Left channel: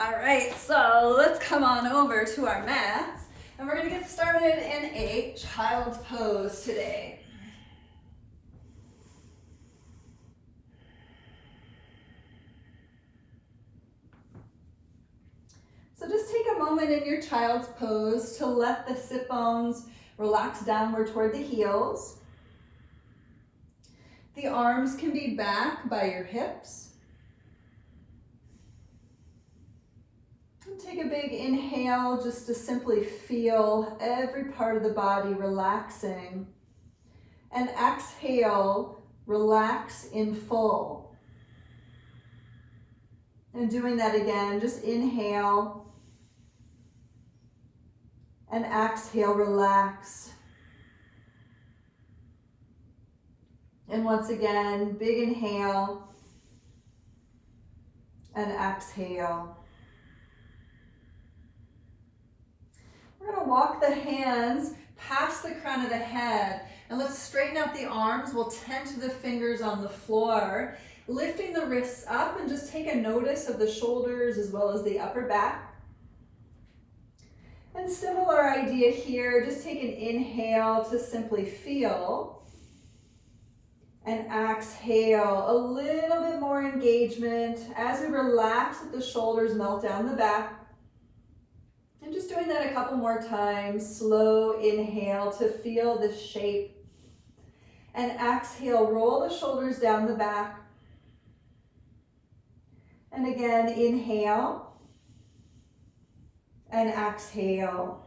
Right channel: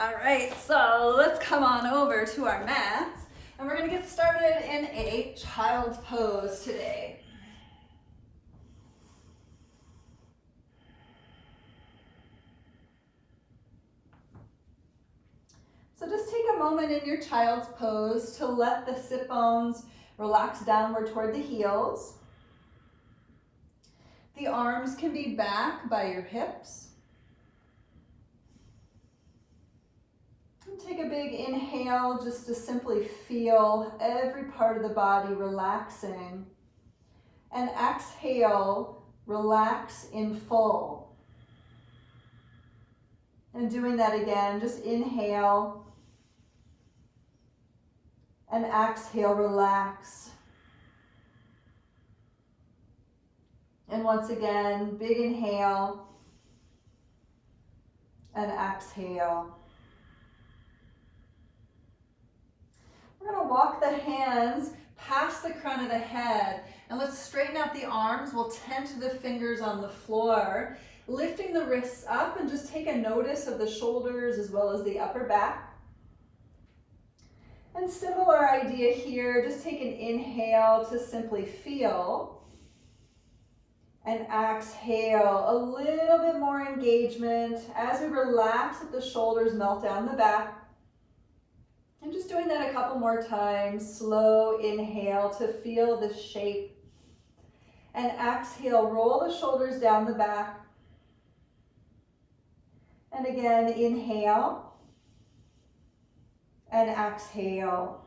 All right, so let's come on over to our mats, and we're going to get started in a child's pose today. So just take a moment in your child's pose to let the sit bones relax downward toward the heels. The arms can be back by your hips. Take a big inhale just to simply feel every part of the body relaxing. And exhale, relax in full. And doing that again, just inhale and exhale, relax. And once again, big inhale and exhale. We're going to walk the hands past the crown of the head, and let's straighten out the arms. We'll tend to the fingers on the floor, lifting the wrists up, and just take a notice of the shoulders as well as the upper back. And similar idea here, just take an inhale to simply feel, and exhale, a little bit more engagement as we relax, let the shoulders melt down the back. And just doing that a couple more times. Slow inhale to feel the shape. And exhale, roll the shoulders down the back. And again, inhale. And exhale.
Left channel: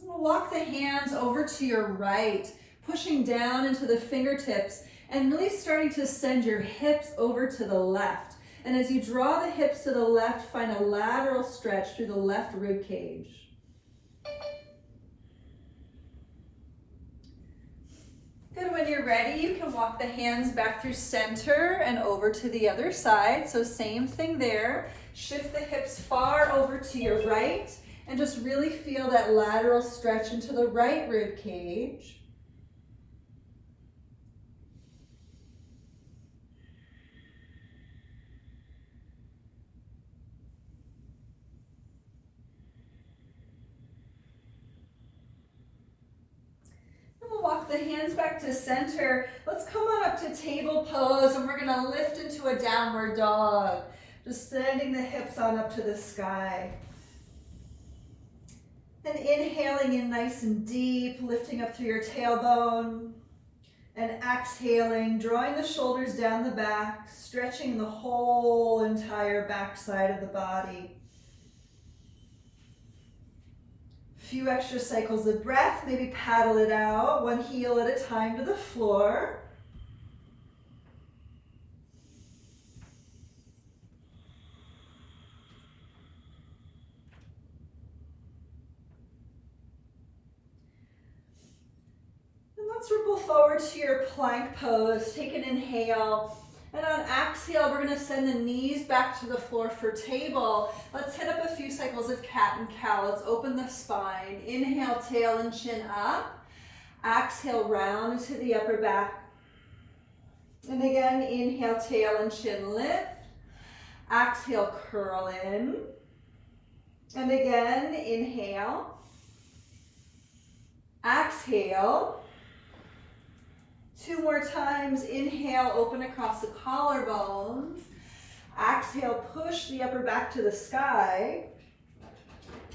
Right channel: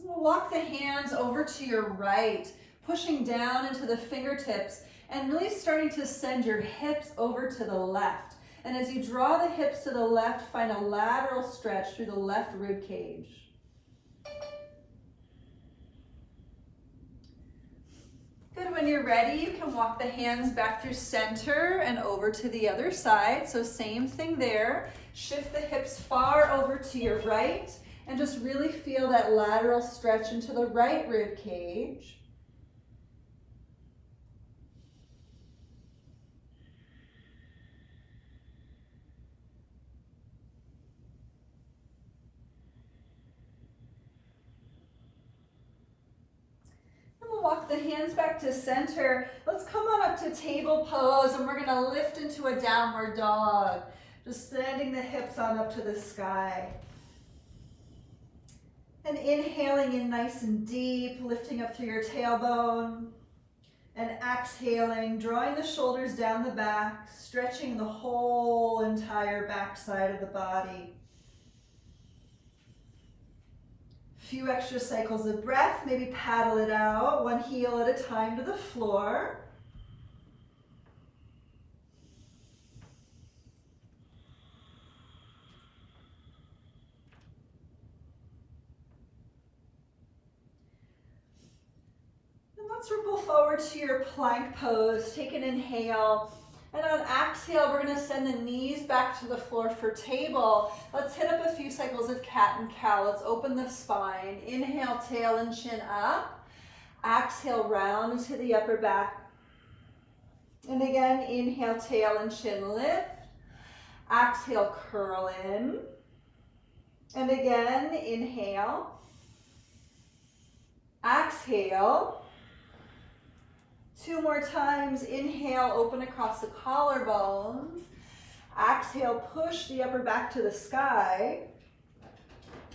We'll walk the hands over to your right, pushing down into the fingertips and really starting to send your hips over to the left. And as you draw the hips to the left, find a lateral stretch through the left rib cage. Good, when you're ready, you can walk the hands back through center and over to the other side. So same thing there. Shift the hips far over to your right and just really feel that lateral stretch into the right rib cage. Walk the hands back to center. Let's come on up to table pose, and we're going to lift into a downward dog. Just sending the hips on up to the sky. And inhaling in nice and deep, lifting up through your tailbone. And exhaling, drawing the shoulders down the back, stretching the whole entire back side of the body. Few extra cycles of breath, maybe paddle it out, one heel at a time to the floor. And let's ripple forward to your plank pose. Take an inhale. And on exhale, we're going to send the knees back to the floor for table. Let's hit up a few cycles of cat and cow. Let's open the spine. Inhale, tail and chin up. Exhale, round into the upper back. And again, inhale, tail and chin lift. Exhale, curl in. And again, inhale. Exhale. Two more times. Inhale, open across the collarbones. Exhale, push the upper back to the sky.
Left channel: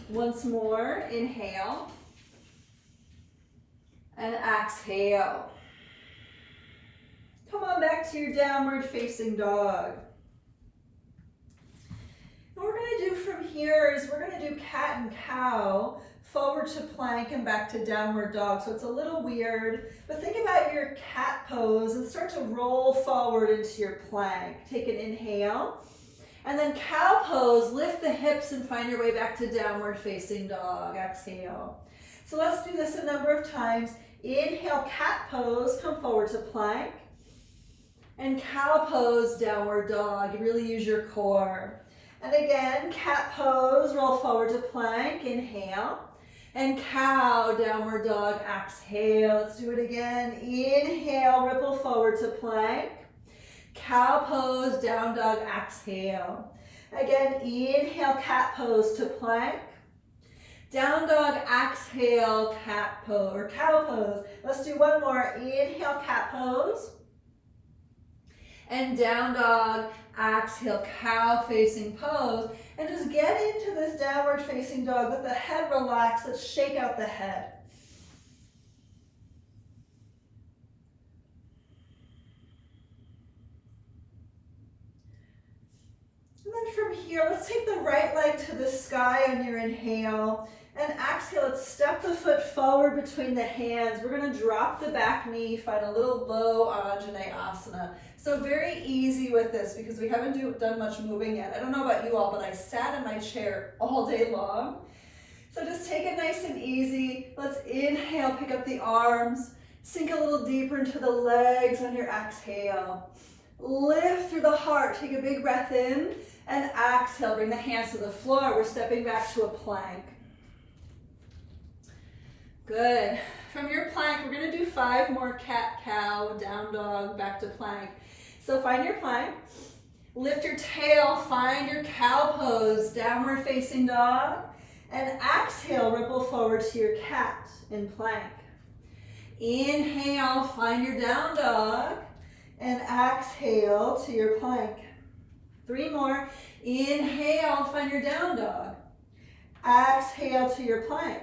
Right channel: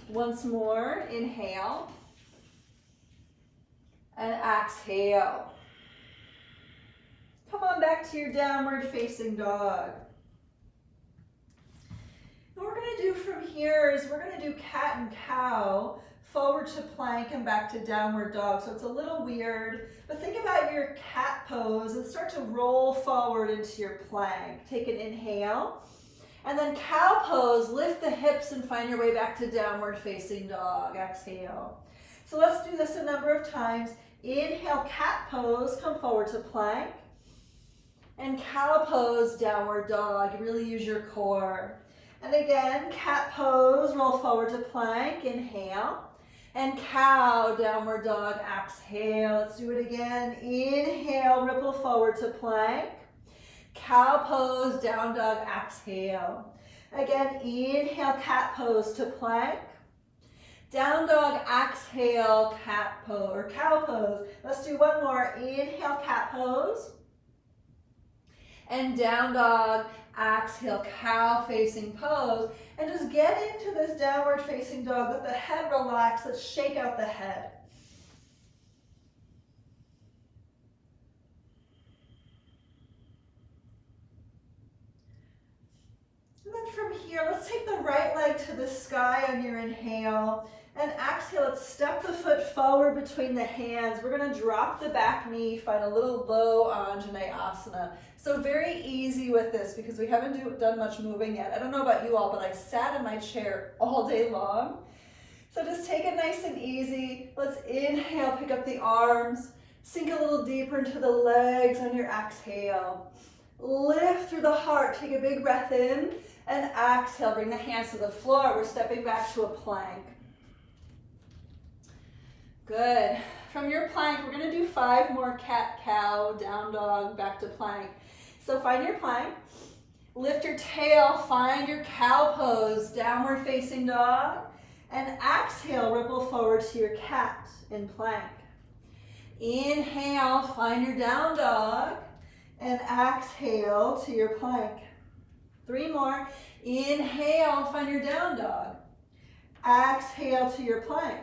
Once more, inhale. And exhale. Come on back to your downward facing dog. And what we're going to do from here is we're going to do cat and cow, forward to plank and back to downward dog. So it's a little weird, but think about your cat pose and start to roll forward into your plank. Take an inhale. And then cow pose, lift the hips and find your way back to downward facing dog. Exhale. So let's do this a number of times. Inhale, cat pose, come forward to plank. And cow pose, downward dog. You really use your core. And again, cat pose, roll forward to plank. Inhale. And cow, downward dog, exhale. Let's do it again. Inhale, ripple forward to plank. Cow pose, down dog, exhale. Again, inhale, cat pose to plank. Down dog, exhale, cat pose or cow pose. Let's do one more. Inhale, cat pose. And down dog, exhale, cow facing pose. And just get into this downward facing dog. Let the head relax. Let's shake out the head. And then from here, let's take the right leg to the sky on your inhale. And exhale, let's step the foot forward between the hands. We're going to drop the back knee, find a little low Anjaneyasana. So very easy with this because we haven't done much moving yet. I don't know about you all, but I sat in my chair all day long. So just take it nice and easy. Let's inhale, pick up the arms, sink a little deeper into the legs on your exhale. Lift through the heart, take a big breath in, and exhale, bring the hands to the floor. We're stepping back to a plank. Good. From your plank, we're going to do 5 more cat, cow, down dog, back to plank. So find your plank, lift your tail, find your cow pose, downward facing dog, and exhale, ripple forward to your cat in plank. Inhale, find your down dog, and exhale to your plank. 3 more. Inhale, find your down dog. Exhale to your plank.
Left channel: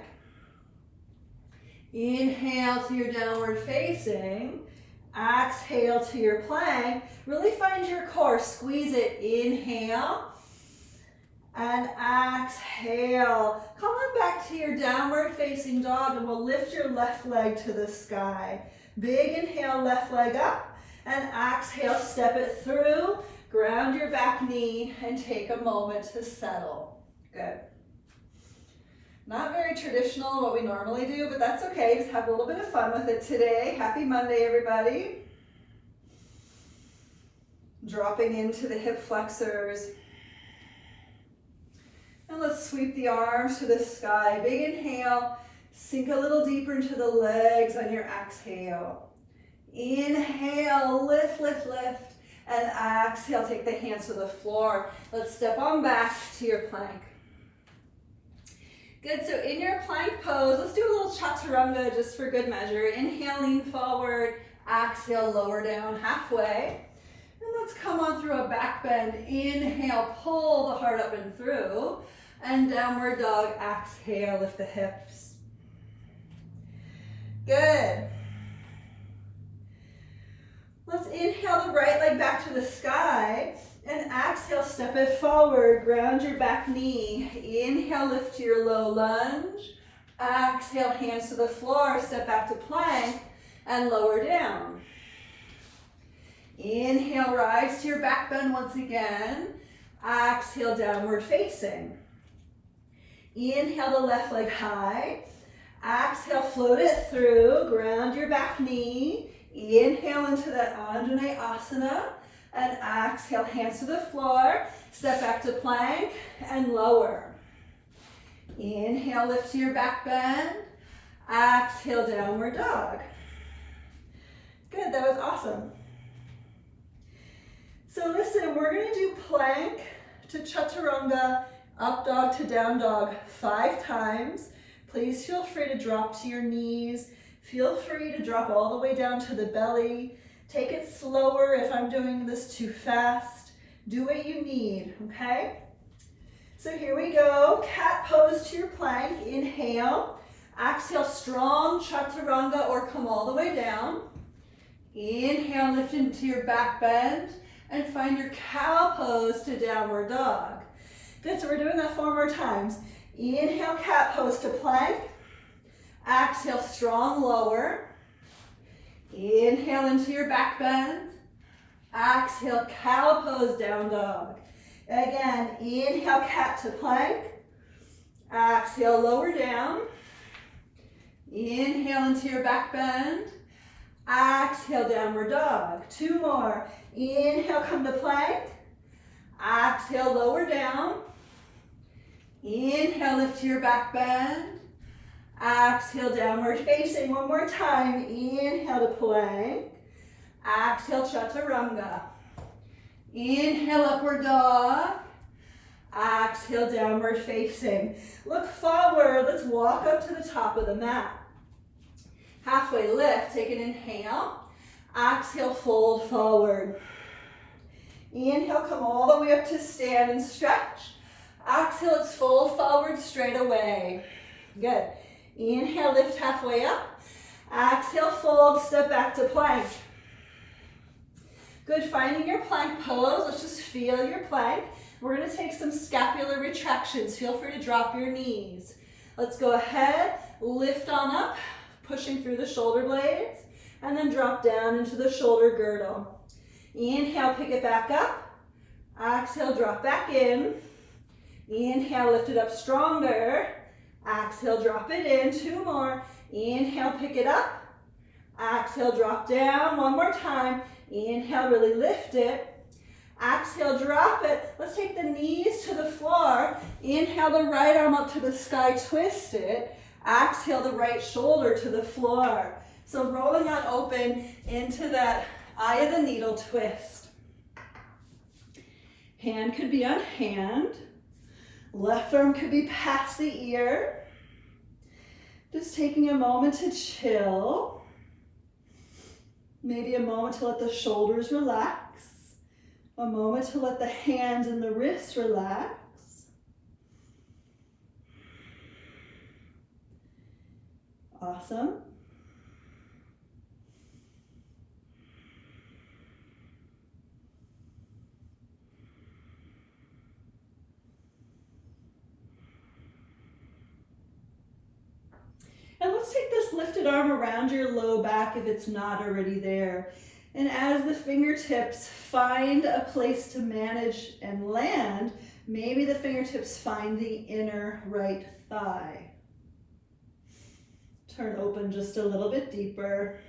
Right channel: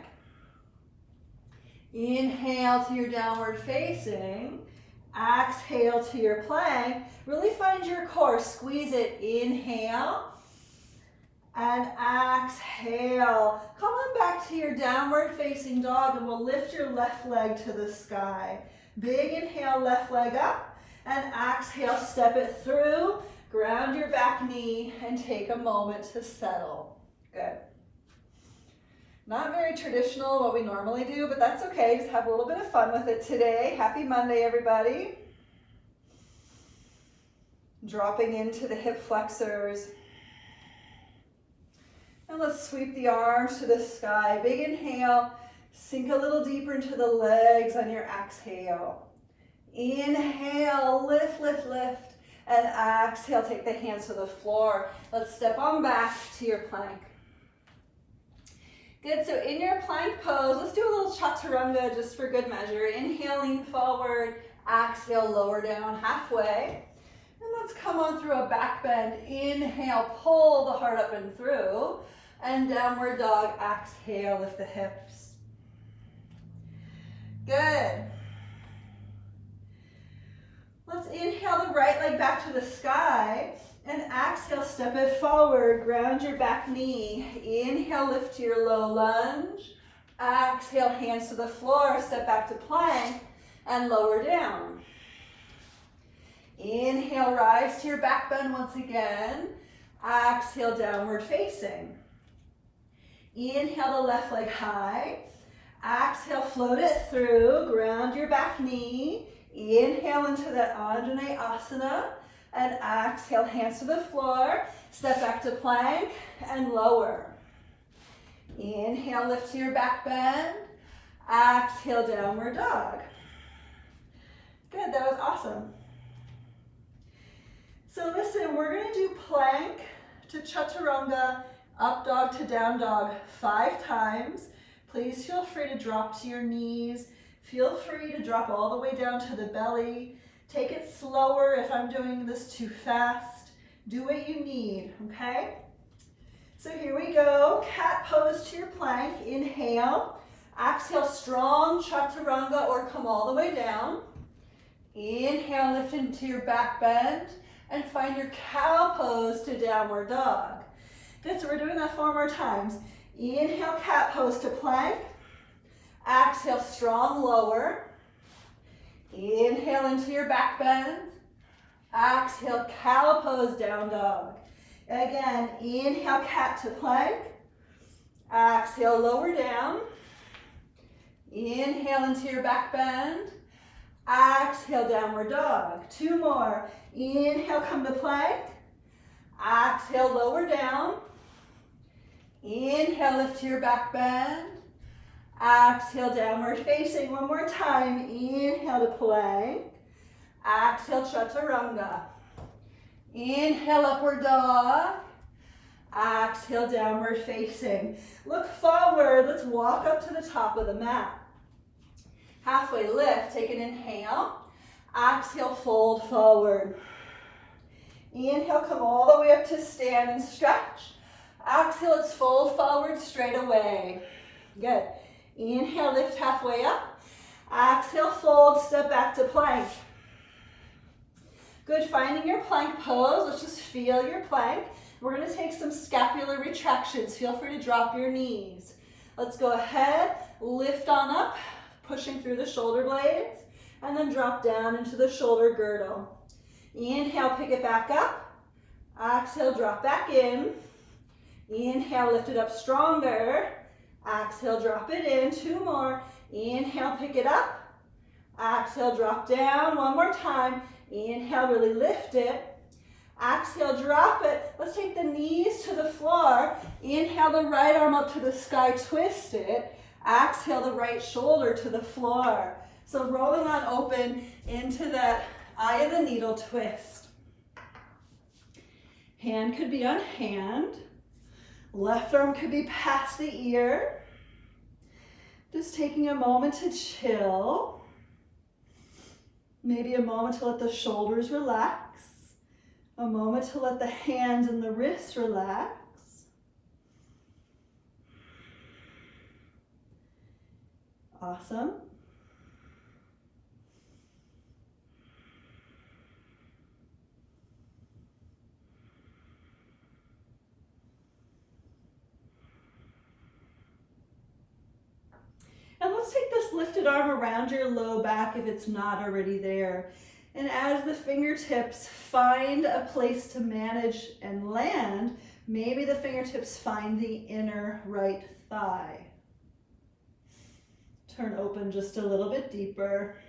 Inhale to your downward facing. Exhale to your plank. Really find your core. Squeeze it. Inhale. And exhale. Come on back to your downward facing dog and we'll lift your left leg to the sky. Big inhale, left leg up. And exhale, step it through. Ground your back knee and take a moment to settle. Good. Not very traditional, what we normally do, but that's okay. Just have a little bit of fun with it today. Happy Monday, everybody. Dropping into the hip flexors. And let's sweep the arms to the sky. Big inhale. Sink a little deeper into the legs on your exhale. Inhale, lift, lift, lift. And exhale, take the hands to the floor. Let's step on back to your plank. Good, so in your plank pose, let's do a little Chaturanga just for good measure. Inhale, lean forward. Exhale, lower down halfway. And let's come on through a back bend. Inhale, pull the heart up and through. And downward dog, exhale, lift the hips. Good. Let's inhale the right leg back to the sky. And exhale, step it forward, ground your back knee. Inhale, lift to your low lunge. Exhale, hands to the floor, step back to plank and lower down. Inhale, rise to your back bend once again. Exhale, downward facing. Inhale the left leg high. Exhale, float it through, ground your back knee. Inhale into that Anjaneyasana. And exhale, hands to the floor. Step back to plank and lower. Inhale, lift to your back bend. Exhale, downward dog. Good, that was awesome. So listen, we're going to do plank to Chaturanga, up dog to down dog 5 times. Please feel free to drop to your knees. Feel free to drop all the way down to the belly. Take it slower if I'm doing this too fast. Do what you need, okay? So here we go. Cat pose to your plank. Inhale. Exhale, strong Chaturanga or come all the way down. Inhale, lift into your back bend and find your cow pose to downward dog. Good, so we're doing that 4 more times. Inhale, cat pose to plank. Exhale, strong lower. Inhale into your back bend. Exhale, cow pose, down dog. Again, inhale, cat to plank. Exhale, lower down. Inhale into your back bend. Exhale, downward dog. 2 more. Inhale, come to plank. Exhale, lower down. Inhale, lift to your back bend. Exhale, downward facing. 1 more time. Inhale to plank. Exhale, Chaturanga. Inhale, upward dog. Exhale, downward facing. Look forward. Let's walk up to the top of the mat. Halfway lift, take an inhale. Exhale, fold forward. Inhale, come all the way up to stand and stretch. Exhale, let's fold forward straight away. Good. Inhale, lift halfway up. Exhale, fold, step back to plank. Good, finding your plank pose. Let's just feel your plank. We're gonna take some scapular retractions. Feel free to drop your knees. Let's go ahead, lift on up, pushing through the shoulder blades, and then drop down into the shoulder girdle. Inhale, pick it back up. Exhale, drop back in. Inhale, lift it up stronger. Exhale, drop it in. 2 more. Inhale, pick it up. Exhale, drop down. 1 more time. Inhale, really lift it. Exhale, drop it. Let's take the knees to the floor. Inhale, the right arm up to the sky, twist it. Exhale, the right shoulder to the floor. So rolling on open into that eye of the needle twist. Hand could be on hand. Left arm could be past the ear. Just taking a moment to chill. Maybe a moment to let the shoulders relax. A moment to let the hands and the wrists relax. Awesome. And let's take this lifted arm around your low back if it's not already there. And as the fingertips find a place to manage and land, maybe the fingertips find the inner right thigh. Turn open just a little bit deeper.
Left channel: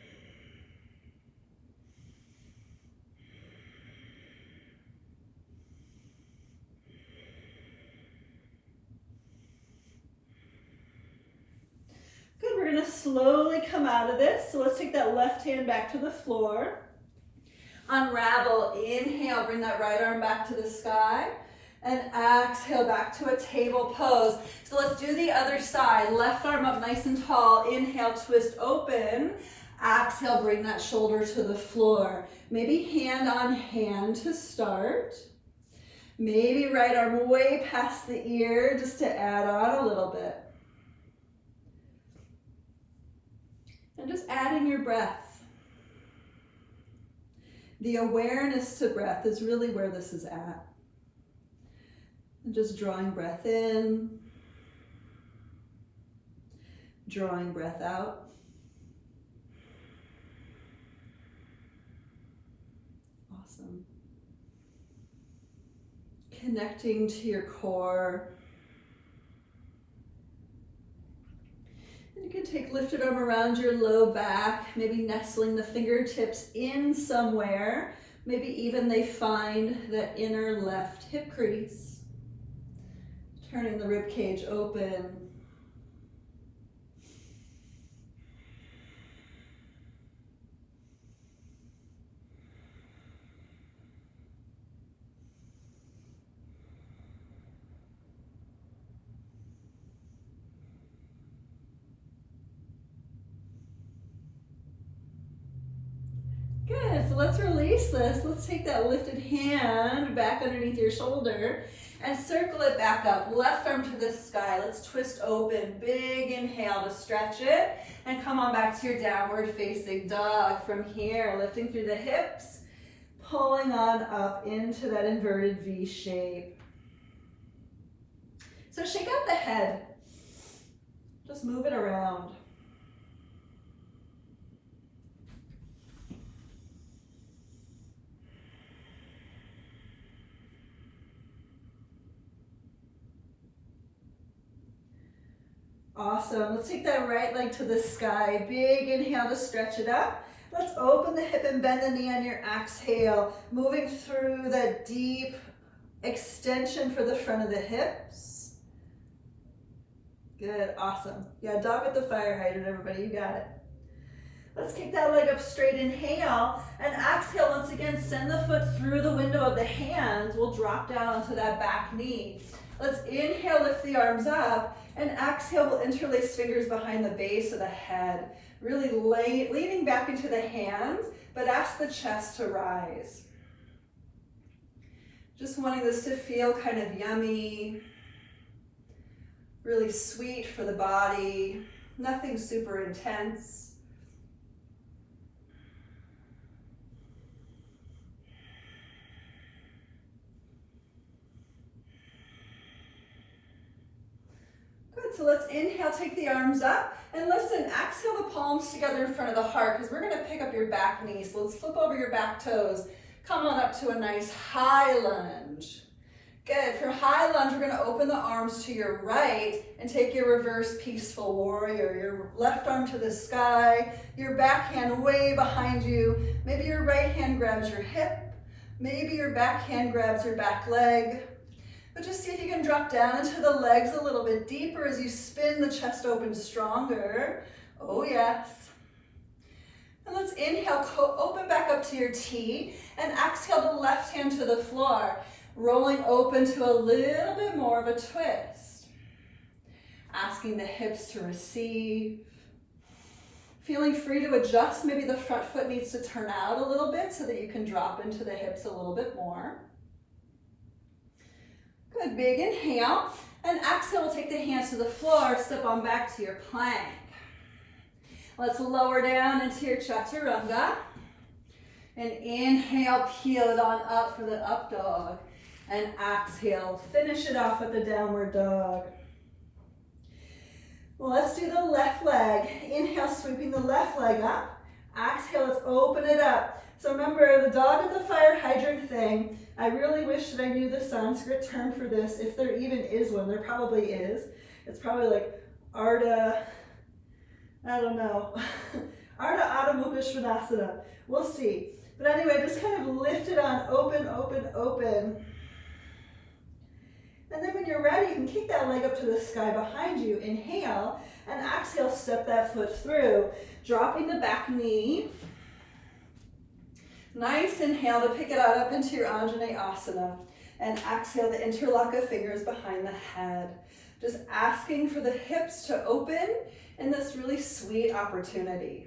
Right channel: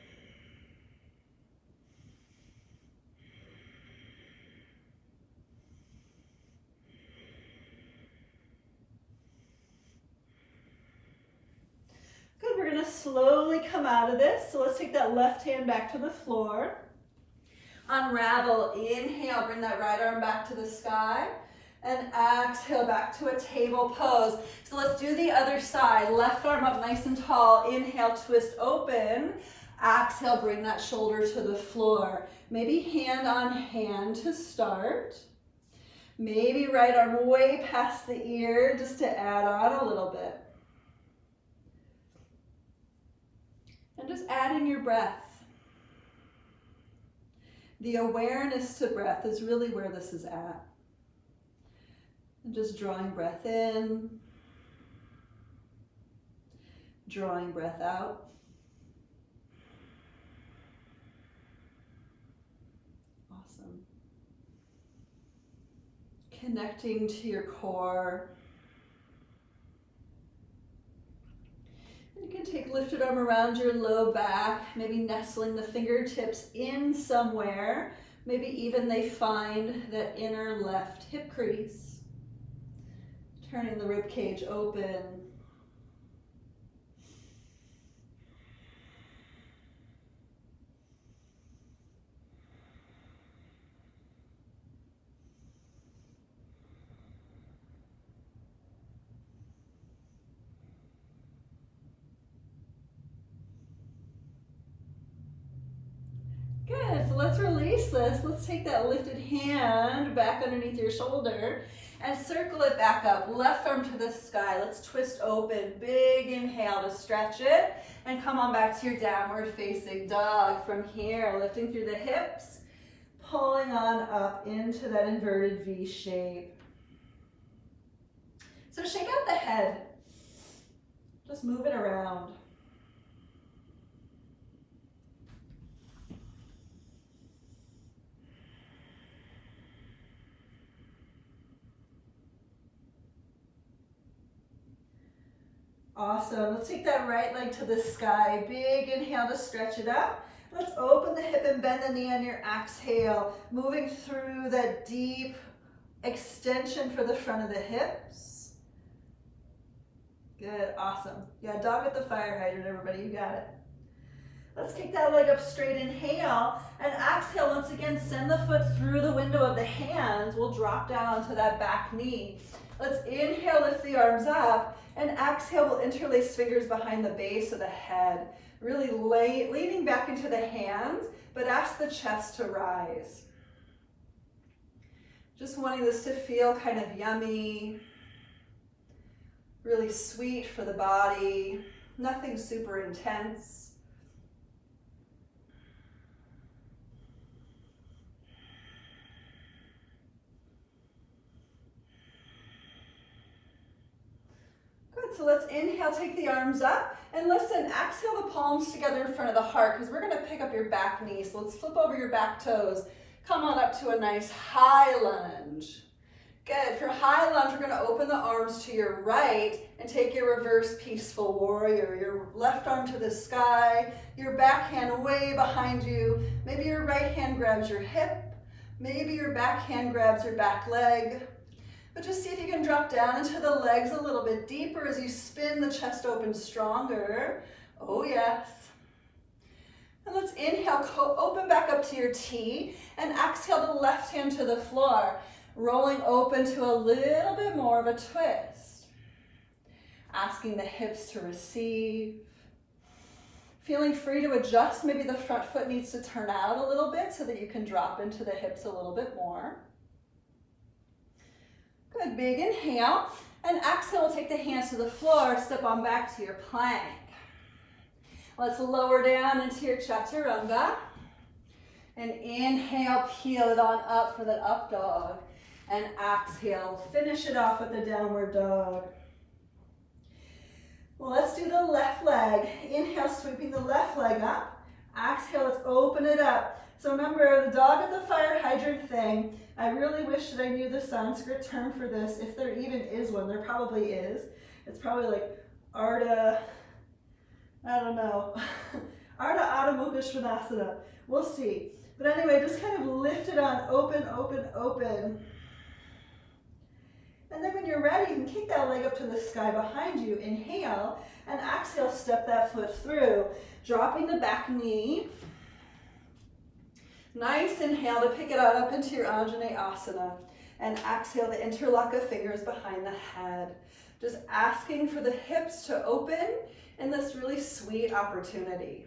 Good, we're gonna slowly come out of this. So let's take that left hand back to the floor. Unravel, inhale, bring that right arm back to the sky. And exhale, back to a table pose. So let's do the other side. Left arm up nice and tall. Inhale, twist open. Exhale, bring that shoulder to the floor. Maybe hand on hand to start. Maybe right arm way past the ear just to add on a little bit. And just add in your breath. The awareness to breath is really where this is at. And just drawing breath in, drawing breath out. Awesome. Connecting to your core. You can take lifted arm around your low back, maybe nestling the fingertips in somewhere. Maybe even they find that inner left hip crease. Turning the rib cage open. Good, so let's release this. Let's take that lifted hand back underneath your shoulder and circle it back up. Left arm to the sky. Let's twist open. Big inhale to stretch it. And come on back to your downward facing dog. From here, lifting through the hips, pulling on up into that inverted V shape. So shake out the head. Just move it around. Awesome. Let's take that right leg to the sky. Big inhale to stretch it up. Let's open the hip and bend the knee on your exhale. Moving through that deep extension for the front of the hips. Good. Awesome. Yeah, dog with the fire hydrant, everybody. You got it. Let's kick that leg up straight, inhale, and exhale. Once again, send the foot through the window of the hands. We'll drop down onto that back knee. Let's inhale, lift the arms up, and exhale, we'll interlace fingers behind the base of the head. Really leaning back into the hands, but ask the chest to rise. Just wanting this to feel kind of yummy, really sweet for the body, nothing super intense. So let's inhale, take the arms up, and listen, exhale the palms together in front of the heart because we're going to pick up your back knee. So let's flip over your back toes. Come on up to a nice high lunge. Good. For high lunge, we're going to open the arms to your right and take your reverse peaceful warrior. Your left arm to the sky, your back hand way behind you. Maybe your right hand grabs your hip. Maybe your back hand grabs your back leg. But just see if you can drop down into the legs a little bit deeper as you spin the chest open stronger. Oh yes. And let's inhale, open back up to your T, and exhale the left hand to the floor, rolling open to a little bit more of a twist. Asking the hips to receive. Feeling free to adjust. Maybe the front foot needs to turn out a little bit so that you can drop into the hips a little bit more. Good, big inhale, and exhale, we'll take the hands to the floor, step on back to your plank. Let's lower down into your Chaturanga, and inhale, peel it on up for the up dog, and exhale, finish it off with the downward dog. Well, let's do the left leg. Inhale, sweeping the left leg up. Exhale, let's open it up. So remember, the dog at the fire hydrant thing, I really wish that I knew the Sanskrit term for this, if there even is one. There probably is. It's probably like Ardha, I don't know, Ardha Adha Mukha Svanasana. We'll see. But anyway, just kind of lift it on, open, open, open. And then when you're ready, you can kick that leg up to the sky behind you. Inhale, and exhale, step that foot through, dropping the back knee. Nice inhale to pick it on up into your Anjaneyasana, and exhale to interlock the fingers behind the head. Just asking for the hips to open in this really sweet opportunity.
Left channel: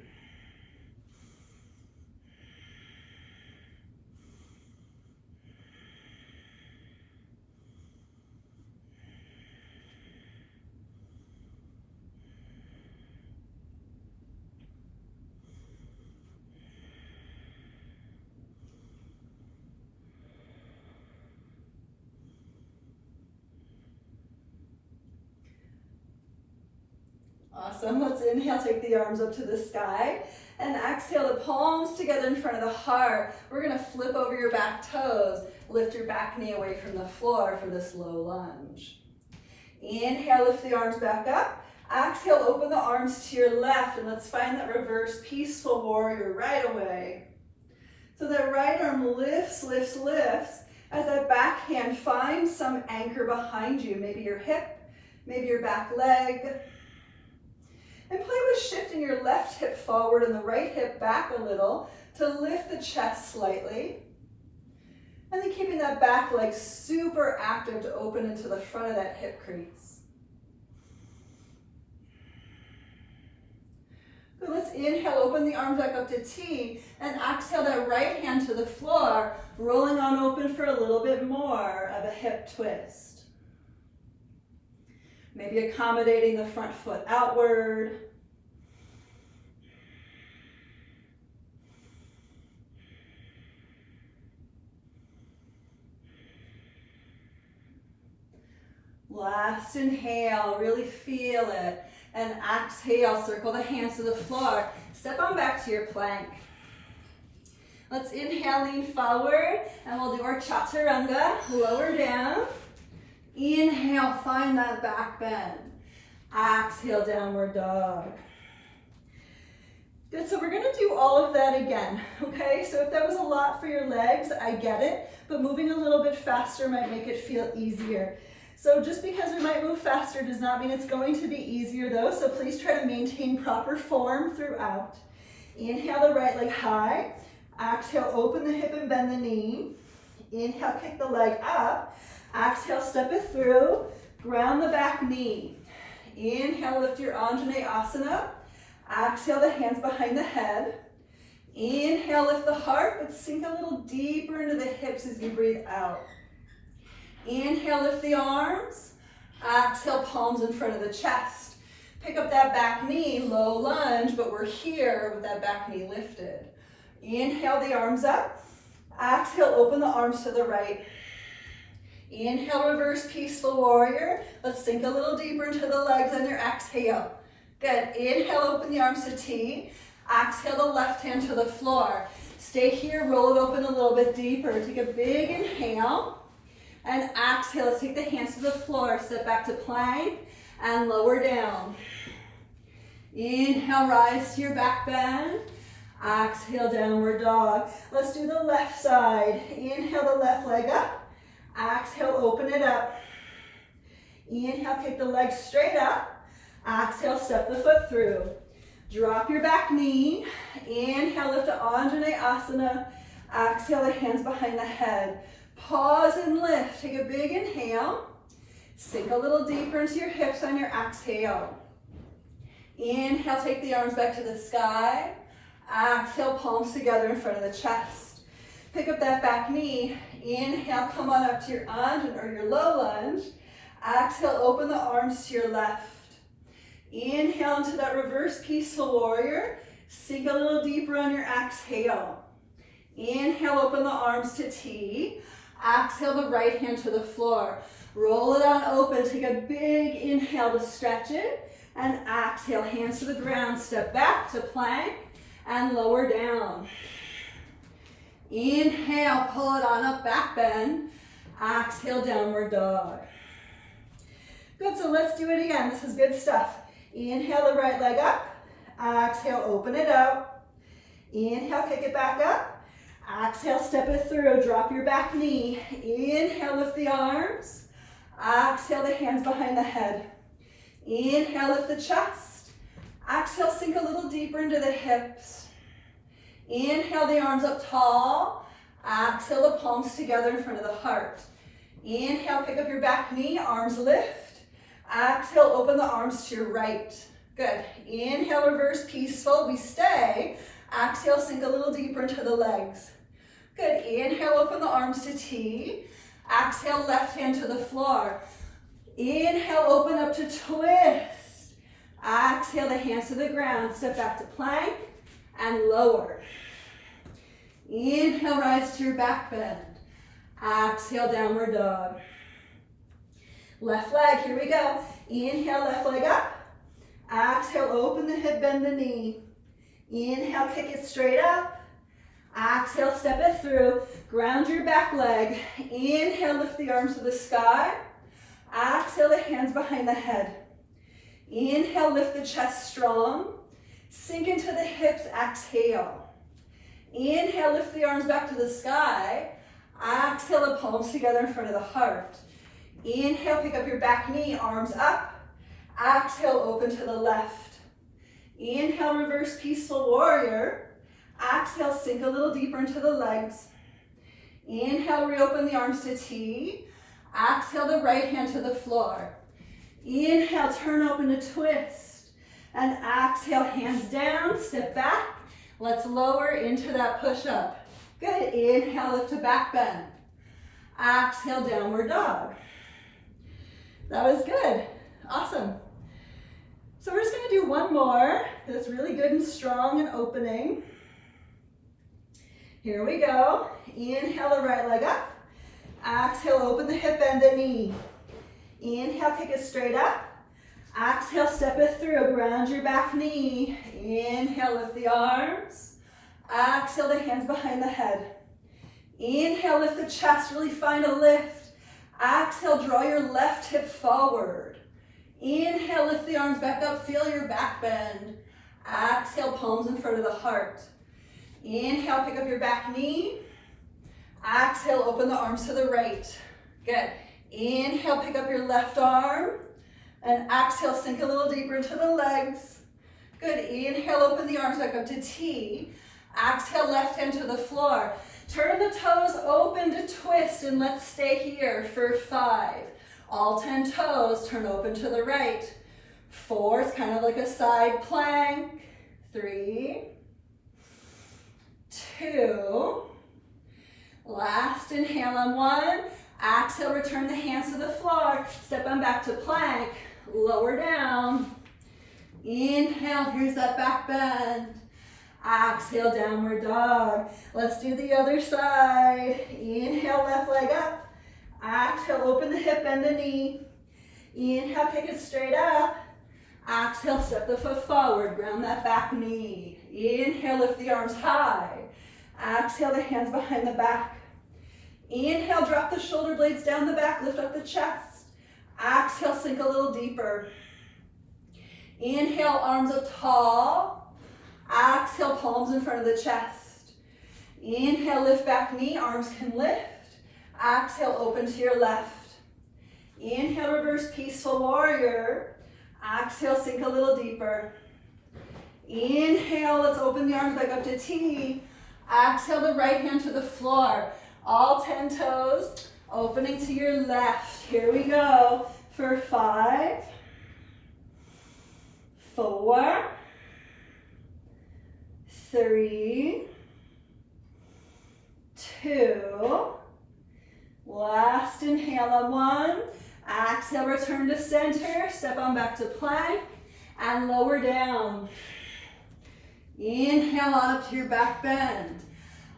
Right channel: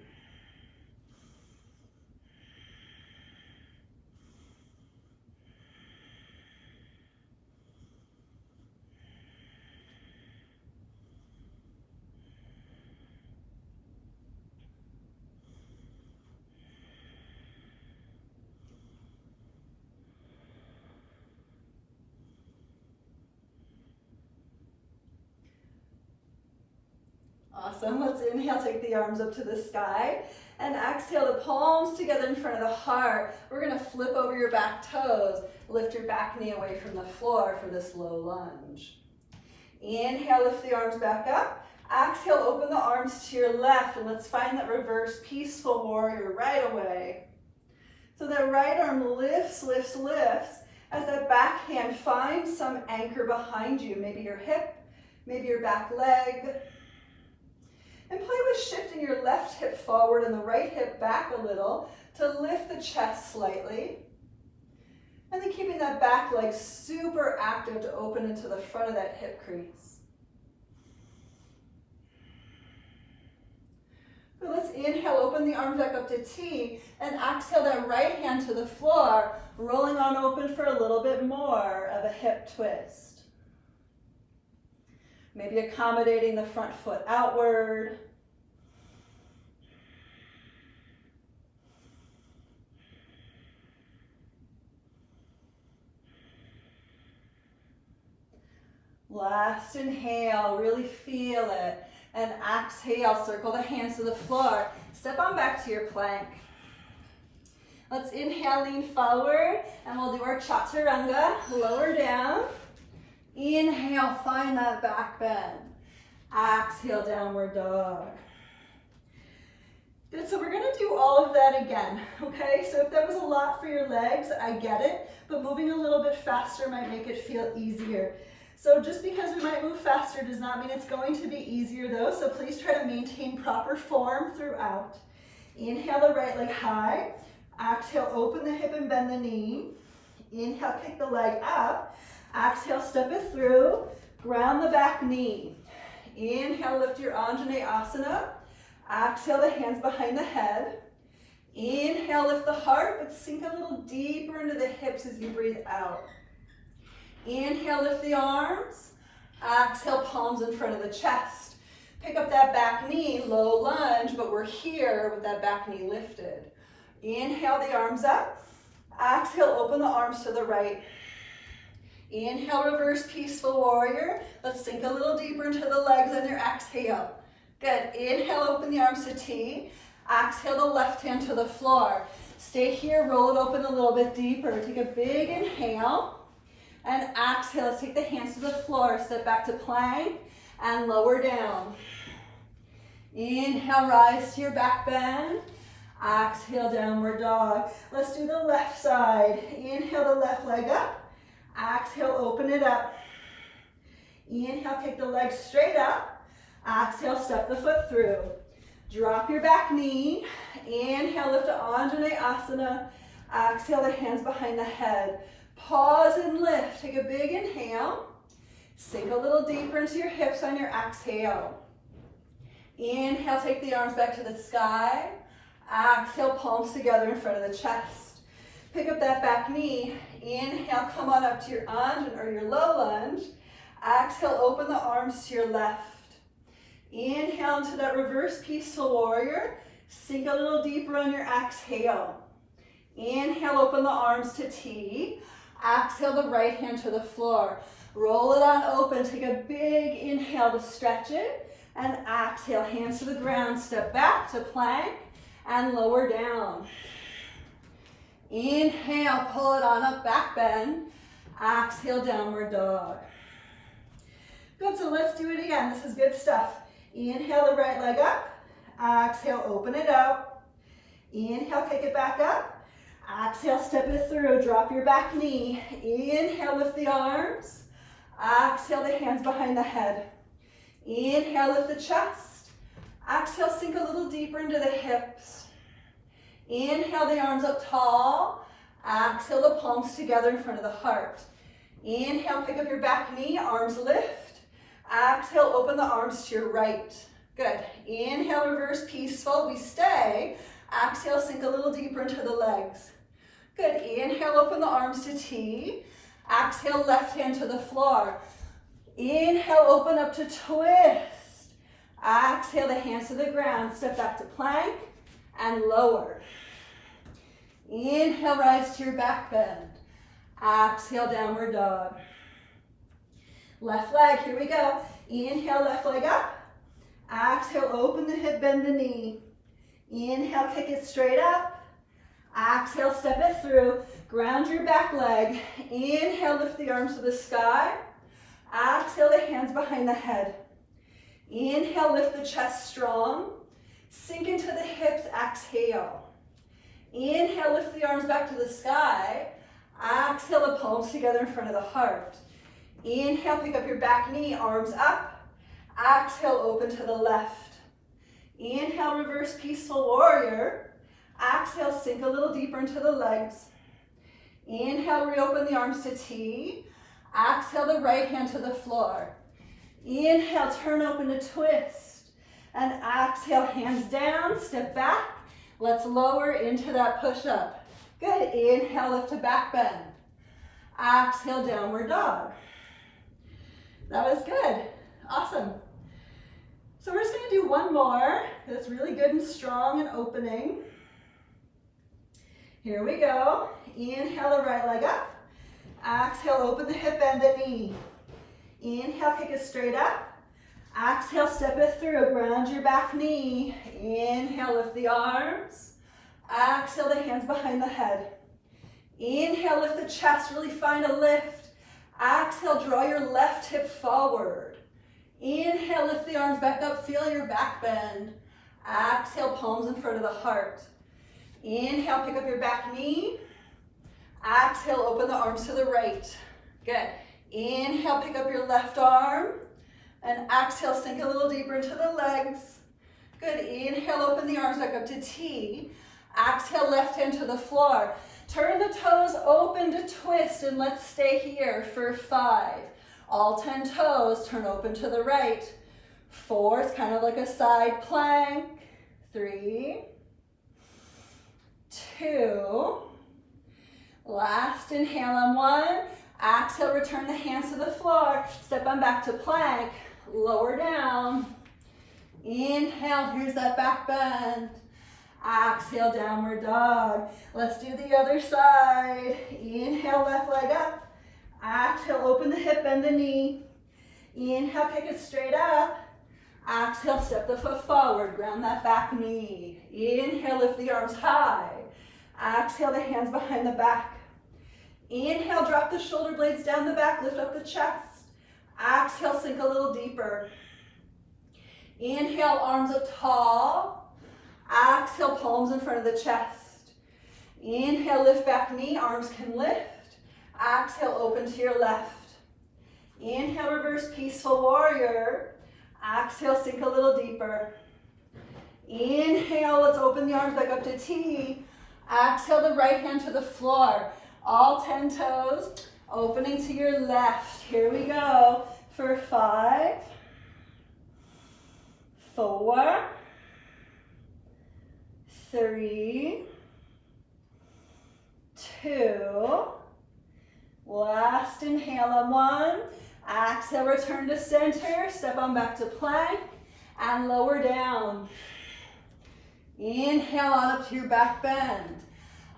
Awesome. Let's inhale, take the arms up to the sky, and exhale the palms together in front of the heart. We're going to flip over your back toes, lift your back knee away from the floor for this low lunge. Inhale, lift the arms back up. Exhale, open the arms to your left, and let's find that reverse peaceful warrior right away. So that right arm lifts, lifts, lifts, as that back hand finds some anchor behind you, maybe your hip, maybe your back leg. And play with shifting your left hip forward and the right hip back a little to lift the chest slightly. And then keeping that back leg super active to open into the front of that hip crease. So let's inhale, open the arms back up to T, and exhale that right hand to the floor, rolling on open for a little bit more of a hip twist. Maybe accommodating the front foot outward. Last inhale, really feel it. And exhale, circle the hands to the floor. Step on back to your plank. Let's inhale, lean forward, and we'll do our Chaturanga, lower down. Inhale, find that back bend. Exhale, downward dog. Good, so we're gonna do all of that again, okay? So if that was a lot for your legs, I get it, but moving a little bit faster might make it feel easier. So just because we might move faster does not mean it's going to be easier though, so please try to maintain proper form throughout. Inhale the right leg high. Exhale, open the hip and bend the knee. Inhale, kick the leg up. Exhale, step it through. Ground the back knee. Inhale, lift your Anjaneyasana. Exhale, the hands behind the head. Inhale, lift the heart, but sink a little deeper into the hips as you breathe out. Inhale, lift the arms. Exhale, palms in front of the chest. Pick up that back knee, low lunge, but we're here with that back knee lifted. Inhale the arms up. Exhale, open the arms to the right. Inhale, reverse peaceful warrior. Let's sink a little deeper into the legs on your exhale. Good. Inhale, open the arms to T. Exhale the left hand to the floor. Stay here, roll it open a little bit deeper. Take a big inhale. And exhale, let's take the hands to the floor. Step back to plank and lower down. Inhale, rise to your back bend. Exhale, downward dog. Let's do the left side. Inhale the left leg up. Exhale, open it up. Inhale, kick the leg straight up. Exhale, step the foot through. Drop your back knee. Inhale, lift to Anjaneyasana. Exhale, the hands behind the head. Pause and lift. Take a big inhale. Sink a little deeper into your hips on your exhale. Inhale, take the arms back to the sky. Exhale, palms together in front of the chest. Pick up that back knee. Inhale, come on up to your Anjan or your low lunge. Exhale, open the arms to your left. Inhale into that reverse peaceful warrior. Sink a little deeper on your exhale. Inhale, open the arms to T. Exhale the right hand to the floor. Roll it on open. Take a big inhale to stretch it. And exhale, hands to the ground. Step back to plank and lower down. Inhale, pull it on up, back bend. Exhale, downward dog. Good, so let's do it again. This is good stuff. Inhale the right leg up. Exhale, open it out. Inhale, kick it back up. Exhale, step it through. Drop your back knee. Inhale, lift the arms. Exhale, the hands behind the head. Inhale, lift the chest. Exhale, sink a little deeper into the hips. Inhale, the arms up tall. Exhale, the palms together in front of the heart. Inhale, pick up your back knee, arms lift. Exhale, open the arms to your right. Good. Inhale, reverse peaceful. We stay. Exhale, sink a little deeper into the legs. Good. Inhale, open the arms to T. Exhale, left hand to the floor. Inhale, open up to twist. Exhale, the hands to the ground. Step back to plank and lower. Inhale, rise to your back bend. Exhale, downward dog. Left leg, here we go. Inhale, left leg up. Exhale, open the hip, bend the knee. Inhale, kick it straight up. Exhale, step it through. Ground your back leg. Inhale, lift the arms to the sky. Exhale, the hands behind the head. Inhale, lift the chest strong. Sink into the hips, exhale. Inhale, lift the arms back to the sky. Exhale, the palms together in front of the heart. Inhale, pick up your back knee, arms up. Exhale, open to the left. Inhale, reverse peaceful warrior. Exhale, sink a little deeper into the legs. Inhale, reopen the arms to T. Exhale, the right hand to the floor. Inhale, turn open to twist. And exhale, hands down, step back. Let's lower into that push-up. Good. Inhale, lift to back bend. Exhale, downward dog. That was good. Awesome. So we're just going to do one more that's really good and strong and opening. Here we go. Inhale the right leg up. Exhale, open the hip, bend the knee. Inhale, kick it straight up. Exhale, step it through. Ground your back knee. Inhale, lift the arms. Exhale, the hands behind the head. Inhale, lift the chest. Really find a lift. Exhale, draw your left hip forward. Inhale, lift the arms back up. Feel your back bend. Exhale, palms in front of the heart. Inhale, pick up your back knee. Exhale, open the arms to the right. Good. Inhale, pick up your left arm. And exhale, sink a little deeper into the legs. Good, inhale, open the arms back up to T. Exhale, left hand to the floor. Turn the toes open to twist, and let's stay here for 5. All 10 toes, turn open to the right. 4, it's kind of like a side plank. 3, 2, last inhale on 1. Exhale, return the hands to the floor. Step on back to plank, lower down. Inhale, here's that back bend. Exhale, downward dog. Let's do the other side. Inhale, left leg up. Exhale, open the hip, bend the knee. Inhale, kick it straight up. Exhale, step the foot forward, ground that back knee. Inhale, lift the arms high. Exhale, the hands behind the back. Inhale, drop the shoulder blades down the back, lift up the chest. Exhale, sink a little deeper. Inhale, arms up tall. Exhale, palms in front of the chest. Inhale, lift back knee, arms can lift. Exhale, open to your left. Inhale, reverse peaceful warrior. Exhale, sink a little deeper. Inhale, let's open the arms back up to T. Exhale, the right hand to the floor. All 10 toes, opening to your left. Here we go for 5, 4, 3, 2, last inhale on 1. Exhale, return to center, step on back to plank, and lower down. Inhale on up to your back bend.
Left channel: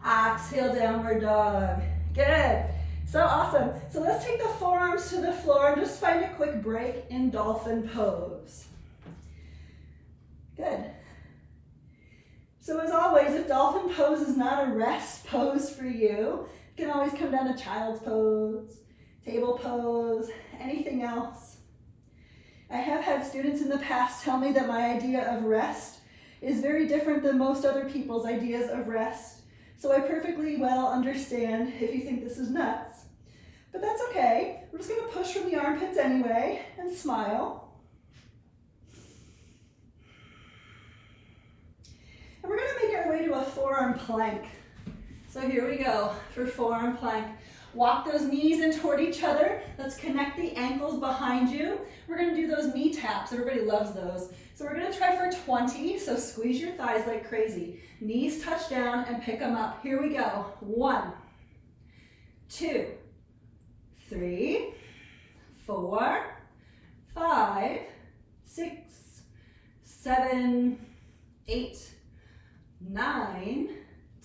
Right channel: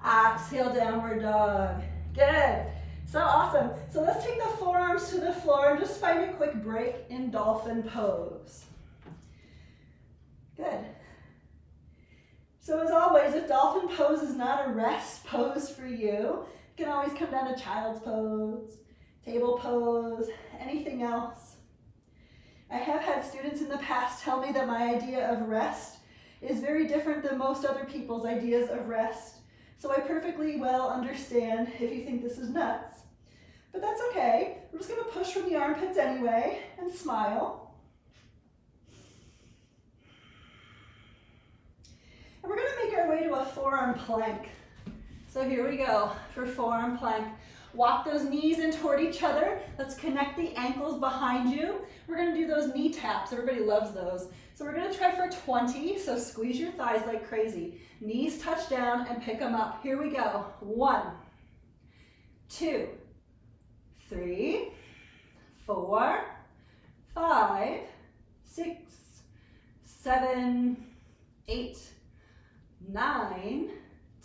Exhale, downward dog. Good. So awesome. So let's take the forearms to the floor and just find a quick break in Dolphin Pose. Good. So as always, if Dolphin Pose is not a rest pose for you, you can always come down to Child's Pose, Table Pose, anything else. I have had students in the past tell me that my idea of rest is very different than most other people's ideas of rest. So I perfectly well understand if you think this is nuts. But that's okay. We're just going to push from the armpits anyway and smile. And we're going to make our way to a forearm plank. So here we go for forearm plank. Walk those knees in toward each other. Let's connect the ankles behind you. We're going to do those knee taps. Everybody loves those. So we're going to try for 20. So squeeze your thighs like crazy. Knees touch down and pick them up. Here we go. 1, 2, 3, 4, 5, 6, 7, 8, 9,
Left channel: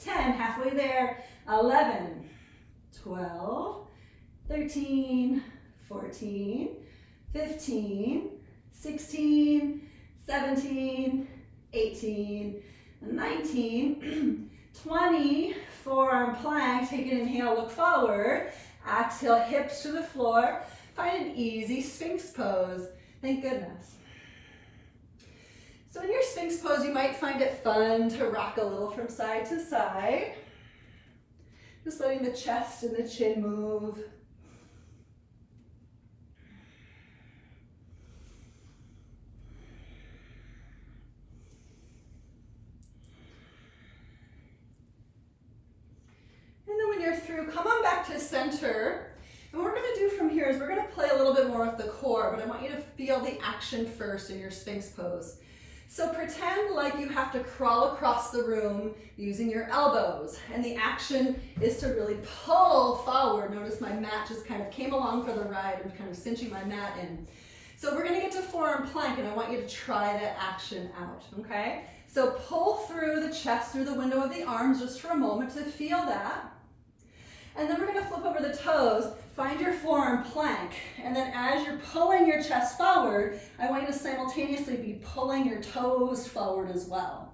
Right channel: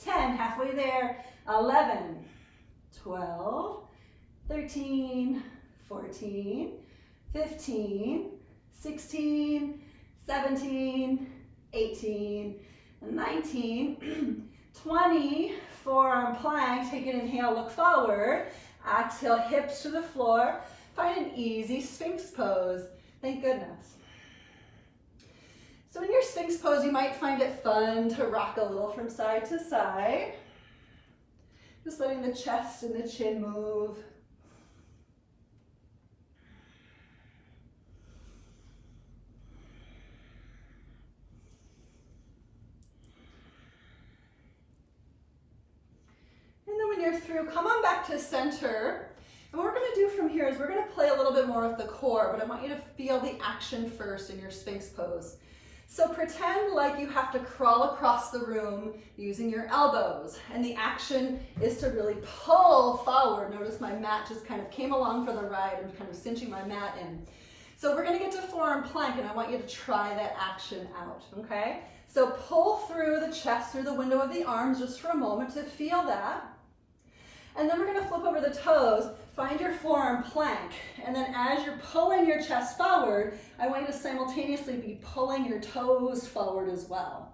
10. Halfway there. 11, 12, 13, 14, 15, 16, 17, 18, 19, 20, forearm plank. Take an inhale, look forward. Exhale, hips to the floor. Find an easy Sphinx pose. Thank goodness. So in your Sphinx pose, you might find it fun to rock a little from side to side. Just letting the chest and the chin move. And then when you're through, come on back to center. And what we're going to do from here is we're going to play a little bit more with the core, but I want you to feel the action first in your Sphinx pose. So pretend like you have to crawl across the room using your elbows, and the action is to really pull forward. Notice my mat just kind of came along for the ride. I'm kind of cinching my mat in. So we're going to get to forearm plank, and I want you to try that action out, okay? So pull through the chest, through the window of the arms just for a moment to feel that. And then we're going to flip over the toes, find your forearm plank, and then as you're pulling your chest forward, I want you to simultaneously be pulling your toes forward as well.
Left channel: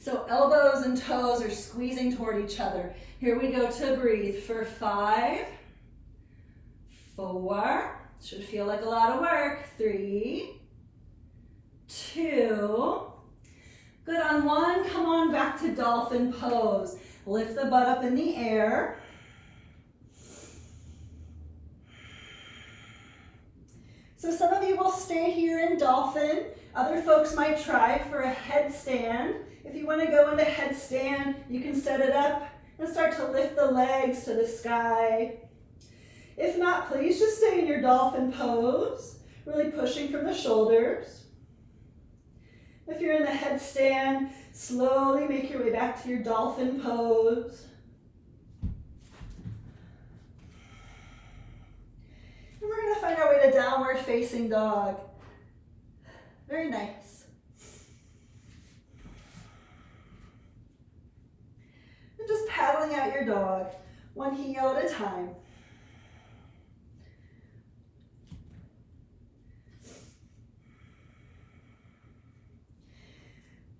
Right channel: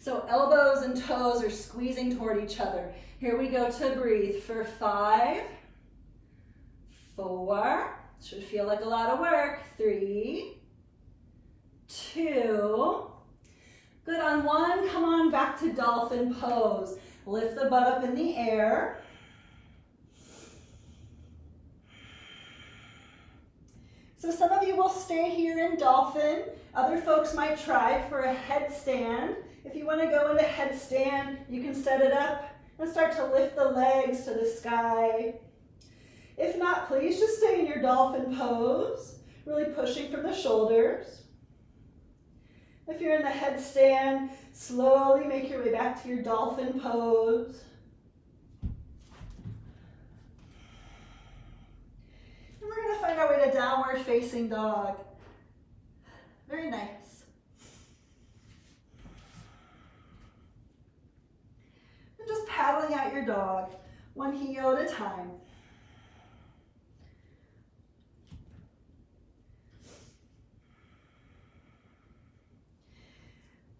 So elbows and toes are squeezing toward each other. Here we go to breathe for 5, 4, should feel like a lot of work, 3, 2, good on 1, come on back to Dolphin Pose. Lift the butt up in the air. So some of you will stay here in Dolphin, Other folks might try for a headstand. If you want to go into headstand, you can set it up and start to lift the legs to the sky. If not, please just stay in your dolphin pose, really pushing from the shoulders. If you're in the headstand, slowly make your way back to your dolphin pose. And we're going to find our way to downward facing dog. Very nice. And just paddling out your dog, one heel at a time.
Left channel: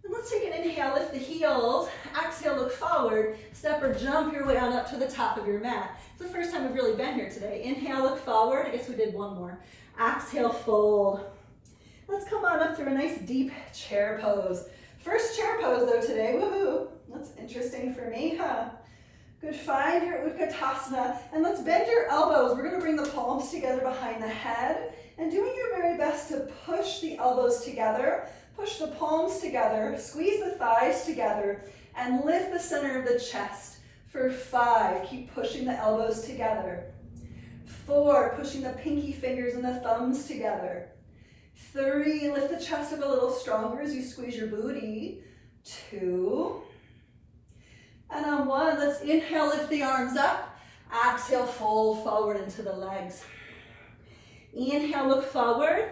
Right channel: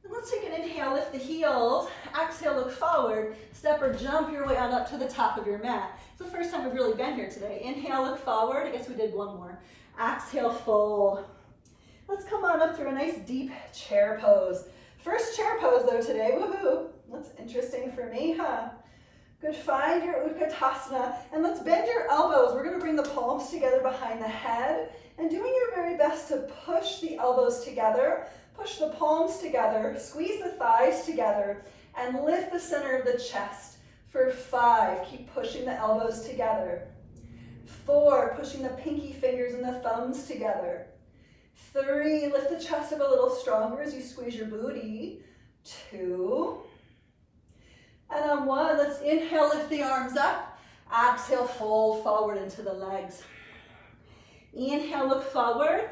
And let's take an inhale, lift the heels. Exhale, look forward. Step or jump your way on up to the top of your mat. It's the first time we've really been here today. Inhale, look forward. I guess we did one more. Exhale, fold. Let's come on up through a nice deep chair pose. First chair pose though today, woohoo. That's interesting for me, huh? Good, find your Utkatasana, and let's bend your elbows. We're gonna bring the palms together behind the head, and doing your very best to push the elbows together, push the palms together, squeeze the thighs together, and lift the center of the chest. For 5, keep pushing the elbows together. 4, pushing the pinky fingers and the thumbs together. 3, lift the chest up a little stronger as you squeeze your booty. 2, and on 1, let's inhale, lift the arms up. Exhale, fold forward into the legs. Inhale, look forward.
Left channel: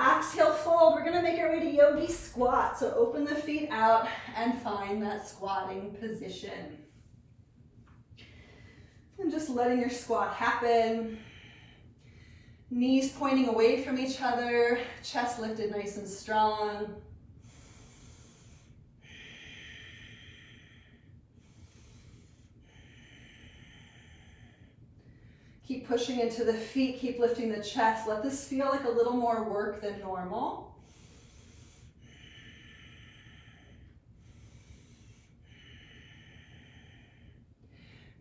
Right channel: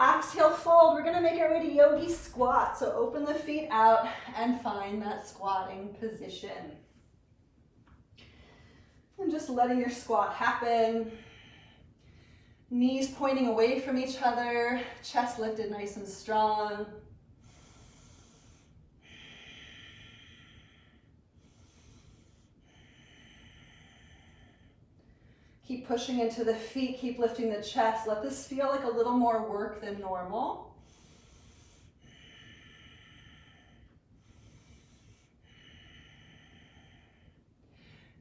Exhale, fold. We're gonna make our way to Yogi Squat. So open the feet out and find that squatting position. And just letting your squat happen. Knees pointing away from each other, chest lifted nice and strong. Keep pushing into the feet, keep lifting the chest. Let this feel like a little more work than normal.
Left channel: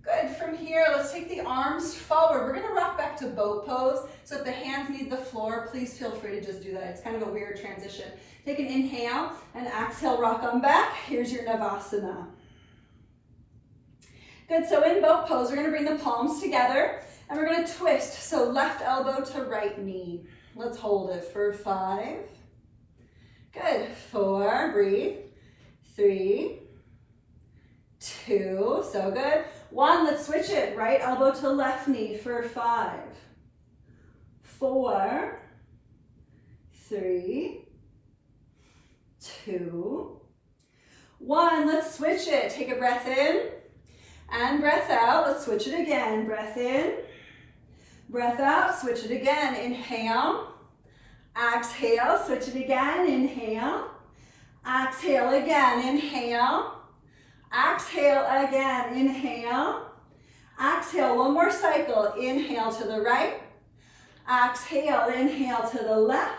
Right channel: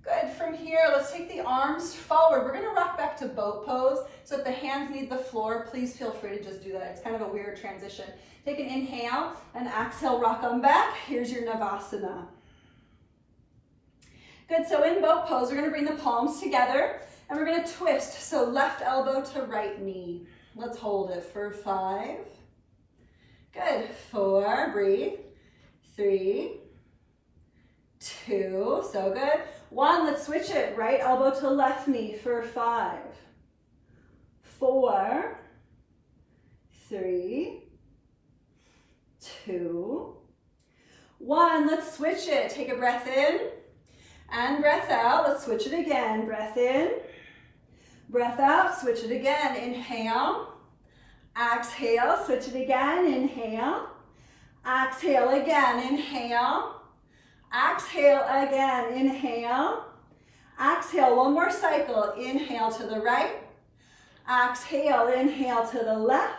Good, from here, let's take the arms forward. We're gonna rock back to boat pose. So if the hands need the floor, please feel free to just do that. It's kind of a weird transition. Take an inhale and exhale, rock on back. Here's your Navasana. Good, so in boat pose, we're gonna bring the palms together and we're gonna twist. So left elbow to right knee. Let's hold it for 5. Good, 4, breathe. 3, 2, so good. 1, let's switch it. Right elbow to left knee for 5, 4, 3, 2, 1. Let's switch it. Take a breath in and breath out. Let's switch it again. Breath in, breath out, switch it again. Inhale, exhale, switch it again. Inhale, exhale again. Inhale, exhale again. Inhale, exhale. One more cycle. Inhale to the right, exhale, inhale to the left,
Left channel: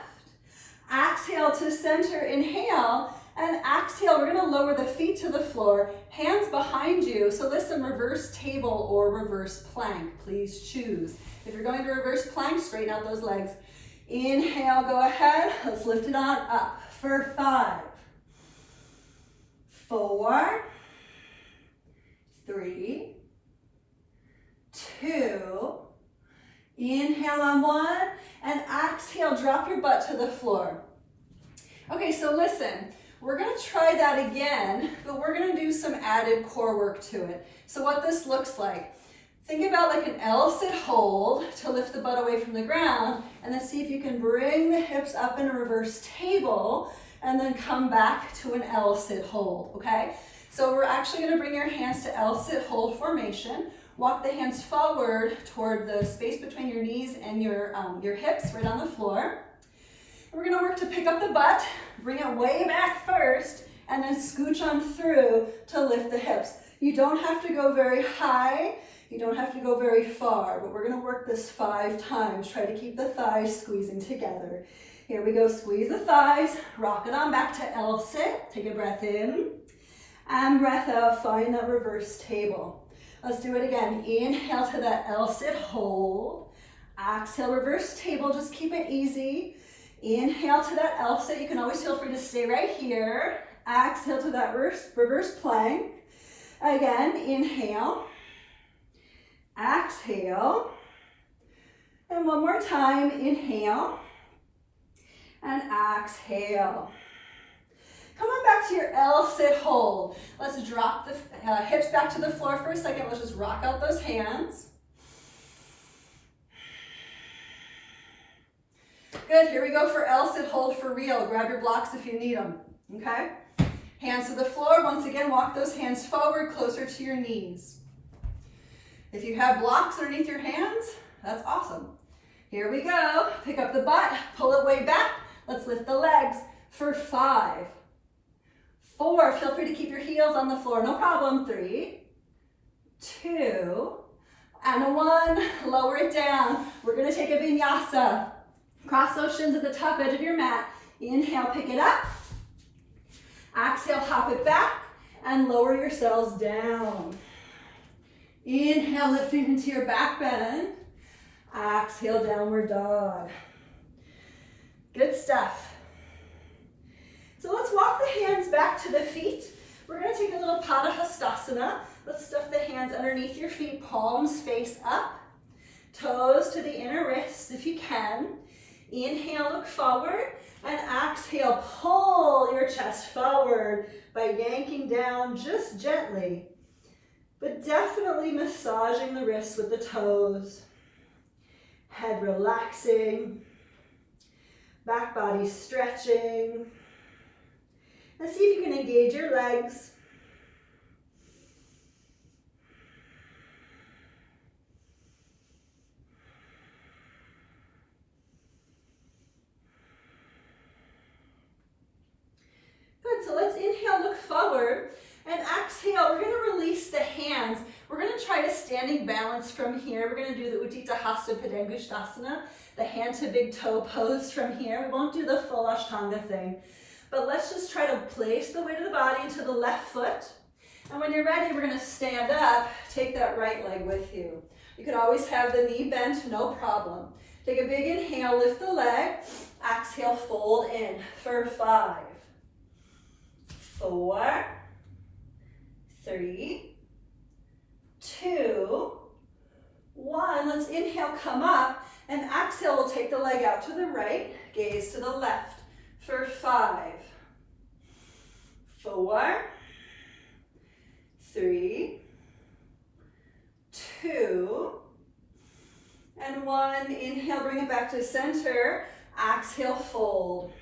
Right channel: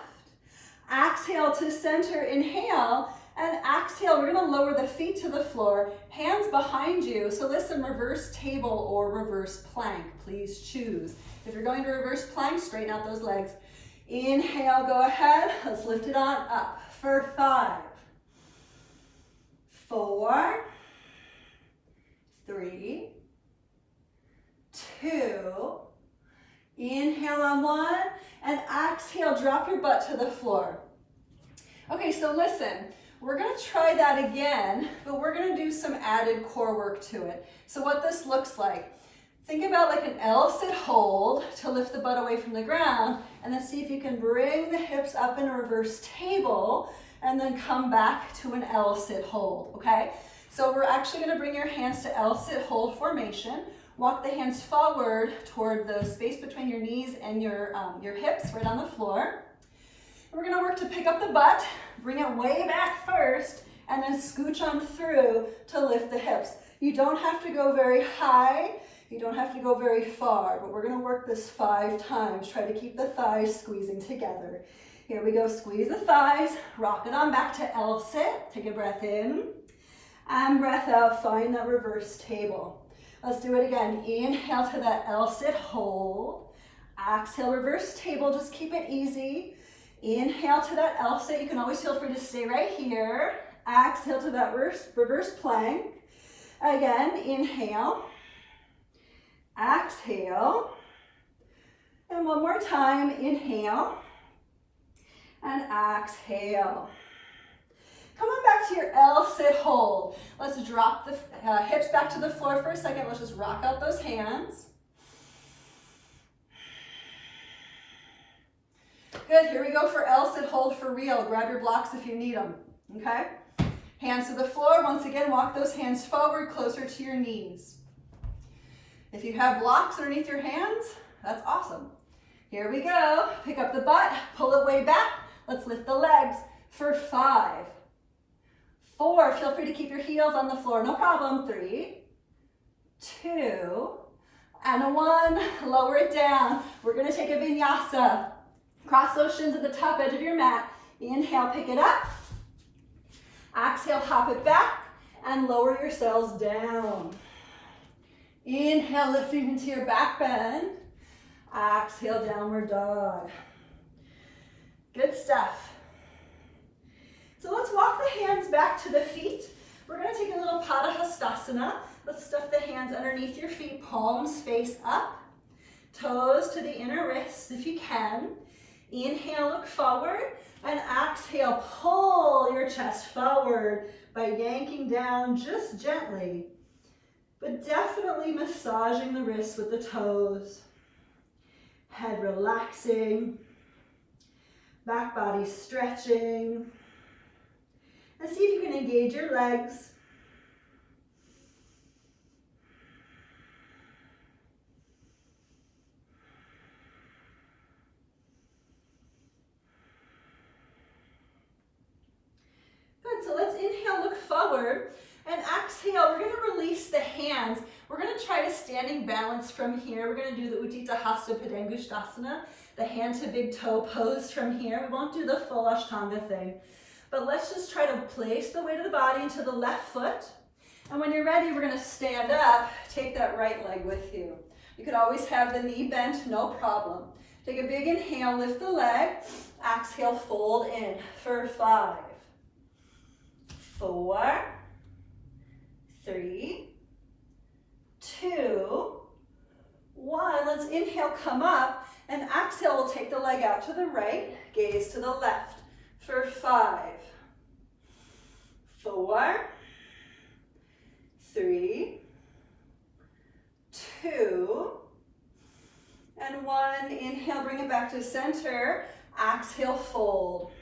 exhale to center, inhale, and exhale. We're gonna lower the feet to the floor, hands behind you. So listen, reverse table or reverse plank, please choose. If you're going to reverse plank, straighten out those legs. Inhale, go ahead, let's lift it on up for 5, 4, 3, 2, inhale on 1, and exhale, drop your butt to the floor. Okay, so listen, we're gonna try that again, but we're gonna do some added core work to it. So what this looks like, think about like an L-sit hold to lift the butt away from the ground, and then see if you can bring the hips up in a reverse table, and then come back to an L-sit hold, okay? So we're actually gonna bring your hands to L-sit hold formation. Walk the hands forward toward the space between your knees and your hips, right on the floor. And we're gonna work to pick up the butt, bring it way back first, and then scooch on through to lift the hips. You don't have to go very high, you don't have to go very far, but we're gonna work this 5 times. Try to keep the thighs squeezing together. Here we go, squeeze the thighs, rock it on back to L-sit. Take a breath in, and breath out, find that reverse table. Let's do it again. Inhale to that L-sit hold. Exhale, reverse table, just keep it easy. Inhale to that L sit. You can always feel free to stay right here. Exhale to that reverse plank. Again, inhale. Exhale. And one more time, inhale. And exhale. Come on back to your L sit hold. Let's drop the hips back to the floor for a second. Let's just rock out those hands. Good, here we go for L sit hold for real. Grab your blocks if you need them, okay? Hands to the floor. Once again, walk those hands forward, closer to your knees. If you have blocks underneath your hands, that's awesome. Here we go. Pick up the butt, pull it way back. Let's lift the legs for 5, 4. Feel free to keep your heels on the floor, no problem. 3, 2, and 1. Lower it down. We're gonna take a vinyasa. Cross those shins at the top edge of your mat. Inhale, pick it up. Exhale, hop it back and lower yourselves down. Inhale, lifting into your back bend. Exhale, downward dog. Good stuff. So let's walk the hands back to the feet. We're going to take a little Padanggustasana. Let's stuff the hands underneath your feet, palms face up, toes to the inner wrists if you can. Inhale, look forward, and exhale, pull your chest forward by yanking down just gently, but definitely massaging the wrists with the toes. Head relaxing, back body stretching, and see if you can engage your legs. Good, so let's inhale, look forward, and exhale, we're gonna release the hands. We're gonna try to standing balance from here. We're gonna do the Udita, Hasta, Padanggustasana, the hand to big toe pose from here. We won't do the full Ashtanga thing, but let's just try to place the weight of the body into the left foot. And when you're ready, we're gonna stand up, take that right leg with you. You could always have the knee bent, no problem. Take a big inhale, lift the leg, exhale, fold in for 5, 4, 3, 2, 1. Let's inhale, come up, and exhale, we'll take the leg out to the right, gaze to the left for 5, 4, 3, 2, and 1. Inhale, bring it back to center. Exhale, fold.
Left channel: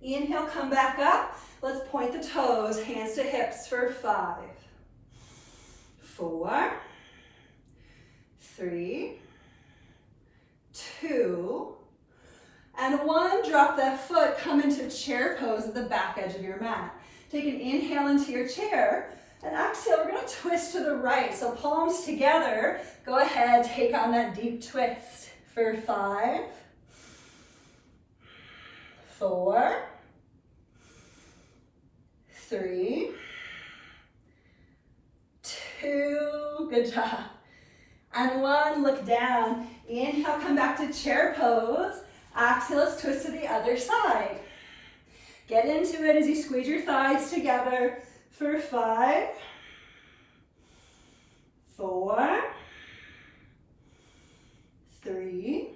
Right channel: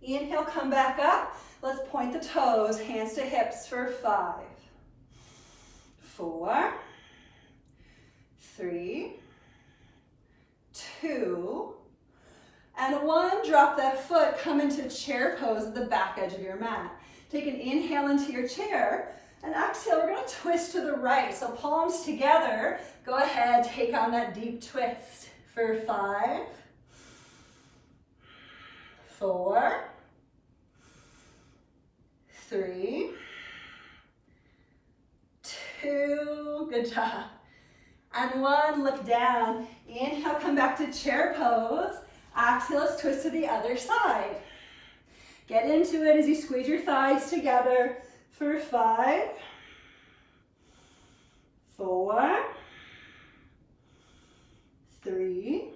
Inhale, come back up. Let's point the toes, hands to hips for 5, 4, 3, 2, and 1. Drop that foot, come into chair pose at the back edge of your mat. Take an inhale into your chair, and exhale, we're gonna twist to the right. So palms together, go ahead, take on that deep twist for 5, 4, 3, 2, good job. And 1, look down. Inhale, come back to chair pose. Exhale, let's twist to the other side. Get into it as you squeeze your thighs together for 5, 4, 3,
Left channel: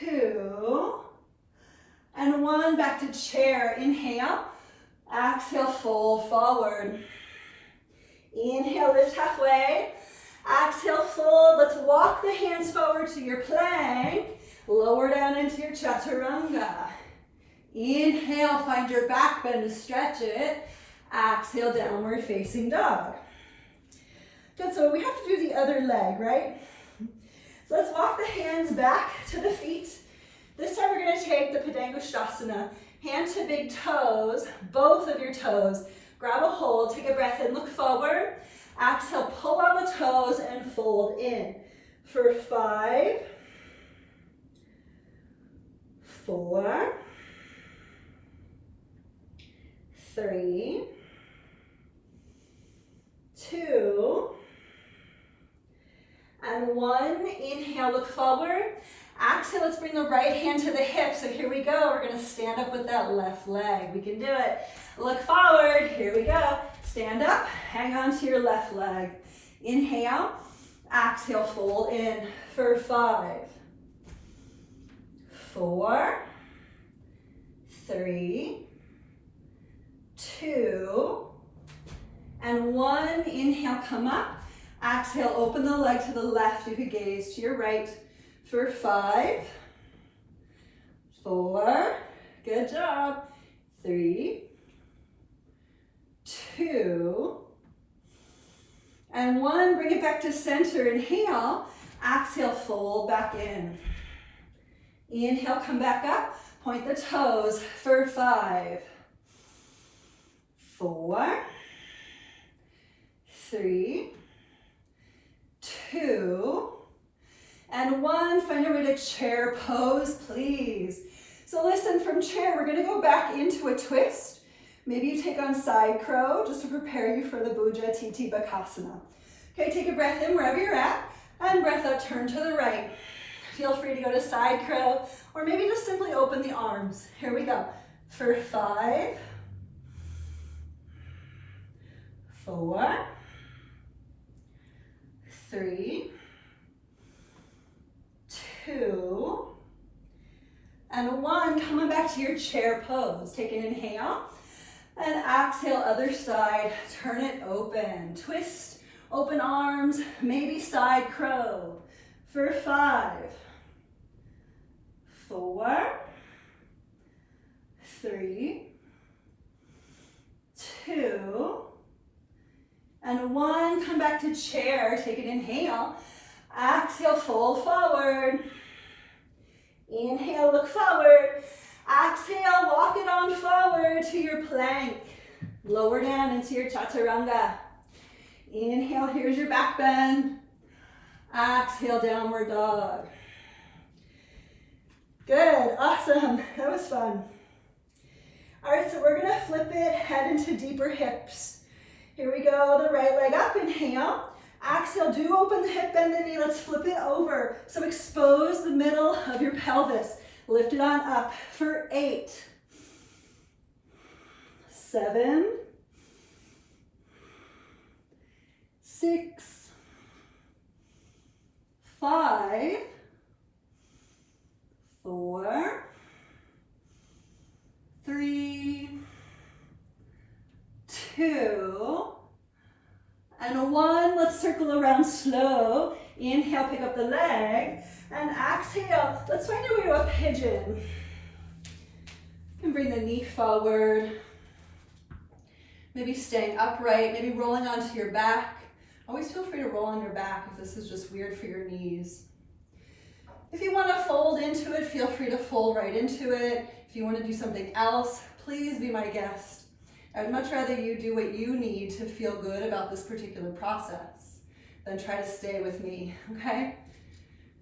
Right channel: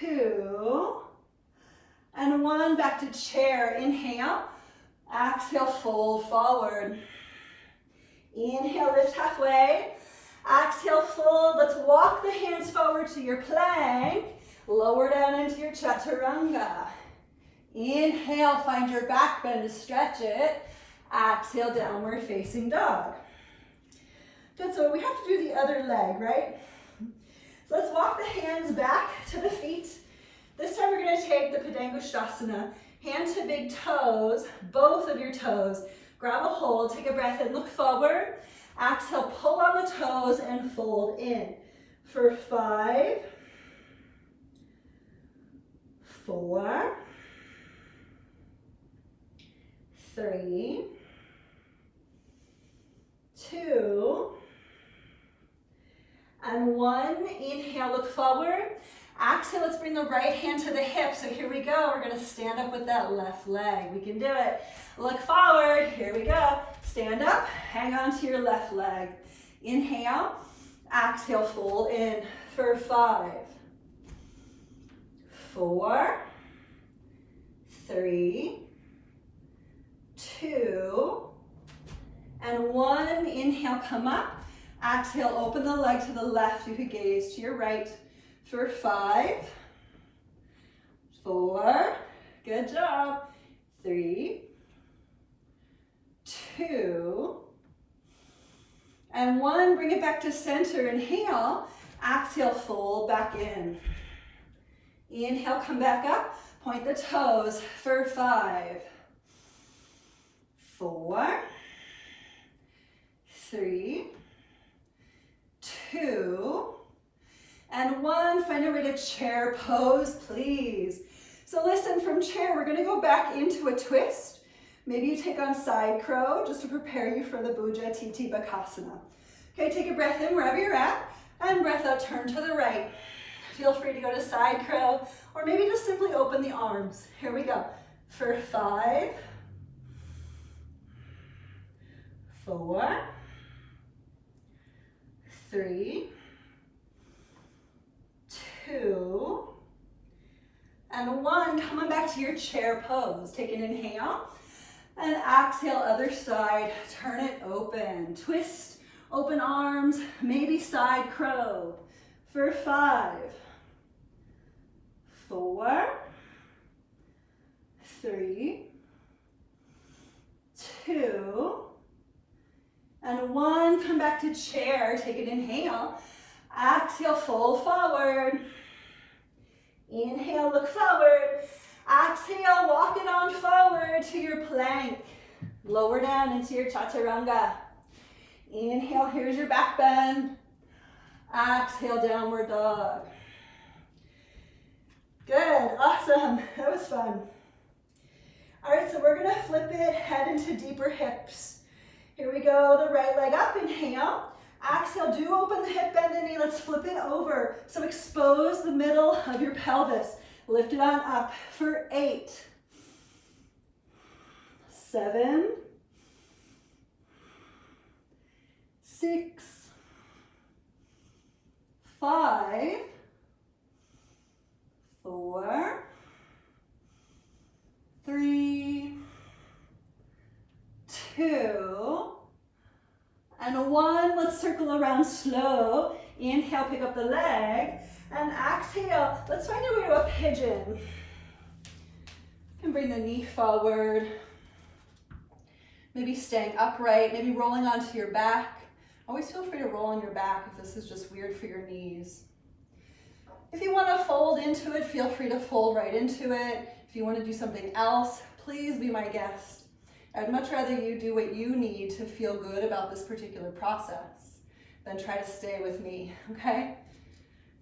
2, and 1. Back to chair. Inhale, exhale, fold forward. Inhale, lift halfway. Exhale, fold. Let's walk the hands forward to your plank. Lower down into your Chaturanga. Inhale, find your back bend to stretch it. Exhale, downward facing dog. Good, so we have to do the other leg, right? So let's walk the hands back to the feet. This time we're gonna take the Padanggustasana. Hand to big toes, both of your toes. Grab a hold, take a breath in, look forward. Exhale, pull on the toes and fold in for 5, 4, 3, 2, and 1. Inhale, look forward. Exhale, let's bring the right hand to the hip. So here we go. We're gonna stand up with that left leg. We can do it. Look forward. Here we go. Stand up, hang on to your left leg. Inhale, exhale, fold in for 5, 4, 3, 2, and 1. Inhale, come up. Exhale, open the leg to the left. You could gaze to your right for 5, 4, good job, 3, 2, and 1. Bring it back to center. Inhale, exhale, fold back in. Inhale, come back up, point the toes for 5, 4, 3, 2, and 1. Find a way to chair pose, please. So listen, from chair, we're gonna go back into a twist. Maybe you take on side crow just to prepare you for the Ashtavakrasana. Okay, take a breath in wherever you're at, and breath out, turn to the right. Feel free to go to side crow, or maybe just simply open the arms. Here we go. For 5, 4, 3, 2, and 1. Coming back to your chair pose. Take an inhale, and exhale, other side. Turn it open. Twist, open arms, maybe side crow. For 5, 4, 3, 2, and 1. Come back to chair. Take an inhale. Exhale, fold forward. Inhale, look forward. Exhale, walk it on forward to your plank. Lower down into your Chaturanga. Inhale, here's your back bend. Exhale, downward dog. Good, awesome, that was fun. All right, so we're gonna flip it, head into deeper hips. Here we go, the right leg up, inhale. Exhale, do open the hip, bend the knee, let's flip it over. So expose the middle of your pelvis. Lift it on up for 8, 7, 6, 5, 4, 3, 2, and 1. Let's circle around slow. Inhale, pick up the leg, and exhale. Let's find our way to a pigeon. You can bring the knee forward. Maybe staying upright, maybe rolling onto your back. Always feel free to roll on your back if this is just weird for your knees. If you want to fold into it, feel free to fold right into it. If you want to do something else, please be my guest. I'd much rather you do what you need to feel good about this particular process than try to stay with me, okay?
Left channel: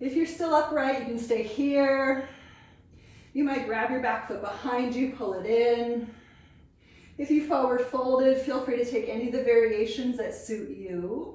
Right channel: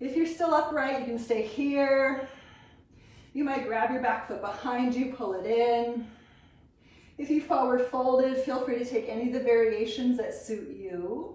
If you're still upright, you can stay here. You might grab your back foot behind you, pull it in. If you forward folded, feel free to take any of the variations that suit you.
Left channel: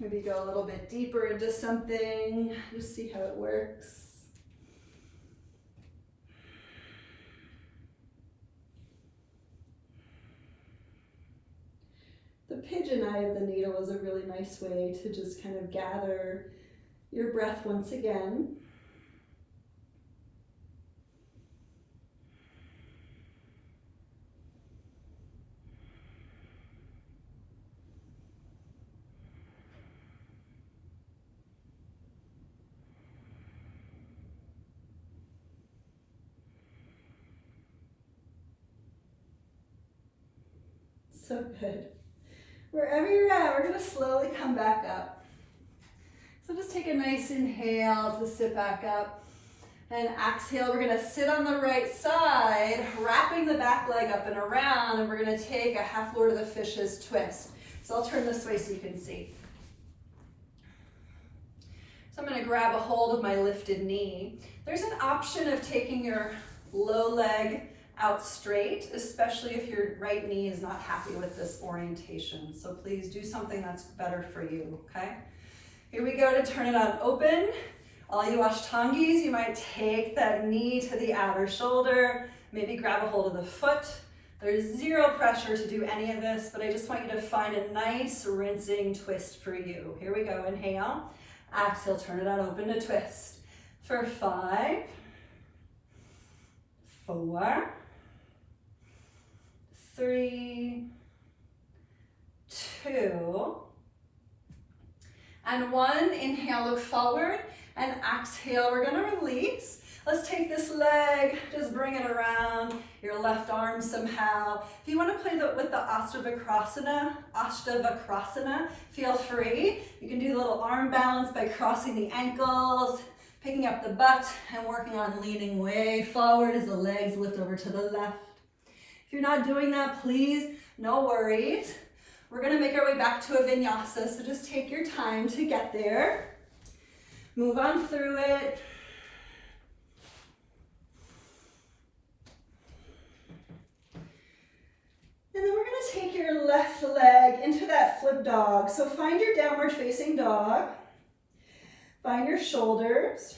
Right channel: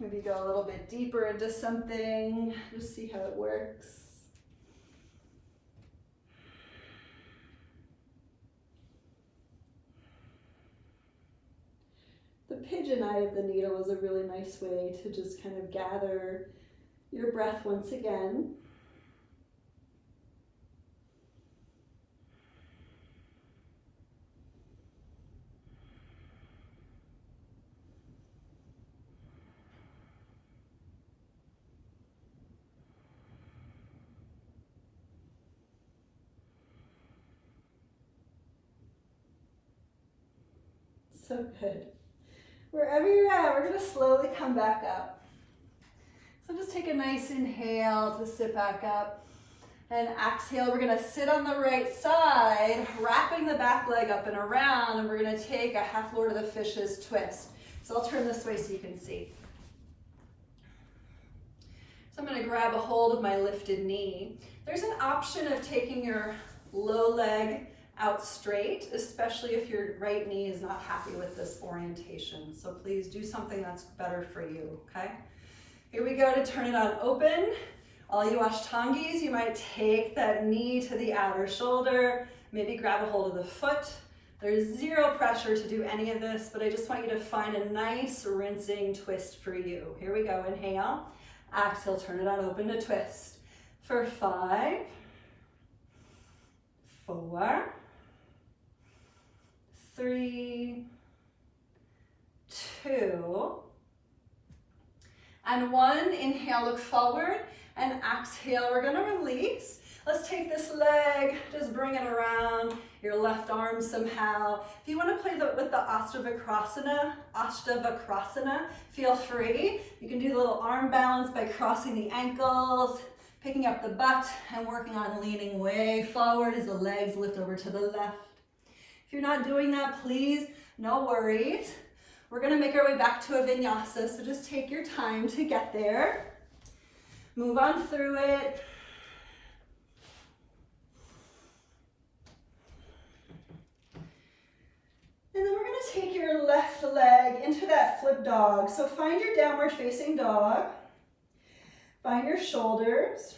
Maybe go a little bit deeper into something, just see how it works. The pigeon eye of the needle is a really nice way to just kind of gather your breath once again. So good. Wherever you're at, we're gonna slowly come back up. So just take a nice inhale to sit back up. And exhale, we're gonna sit on the right side, wrapping the back leg up and around, and we're gonna take a half Lord of the Fishes twist. So I'll turn this way so you can see. So I'm gonna grab a hold of my lifted knee. There's an option of taking your low leg out straight, especially if your right knee is not happy with this orientation. So please do something that's better for you, okay? Here we go to turn it on open. All you Ashtangis, you might take that knee to the outer shoulder, maybe grab a hold of the foot. There's zero pressure to do any of this, but I just want you to find a nice rinsing twist for you. Here we go, inhale. Exhale, turn it on open to twist. For 5, 4, 3, 2, and 1. Inhale, look forward, and exhale, we're gonna release. Let's take this leg, just bring it around your left arm somehow. If you wanna play with the Ashtavakrasana, feel free. You can do a little arm balance by crossing the ankles, picking up the butt, and working on leaning way forward as the legs lift over to the left. If you're not doing that, please, no worries. We're gonna make our way back to a vinyasa, so just take your time to get there. Move on through it. And then we're gonna take your left leg into that flip dog. So find your downward facing dog. Find your shoulders.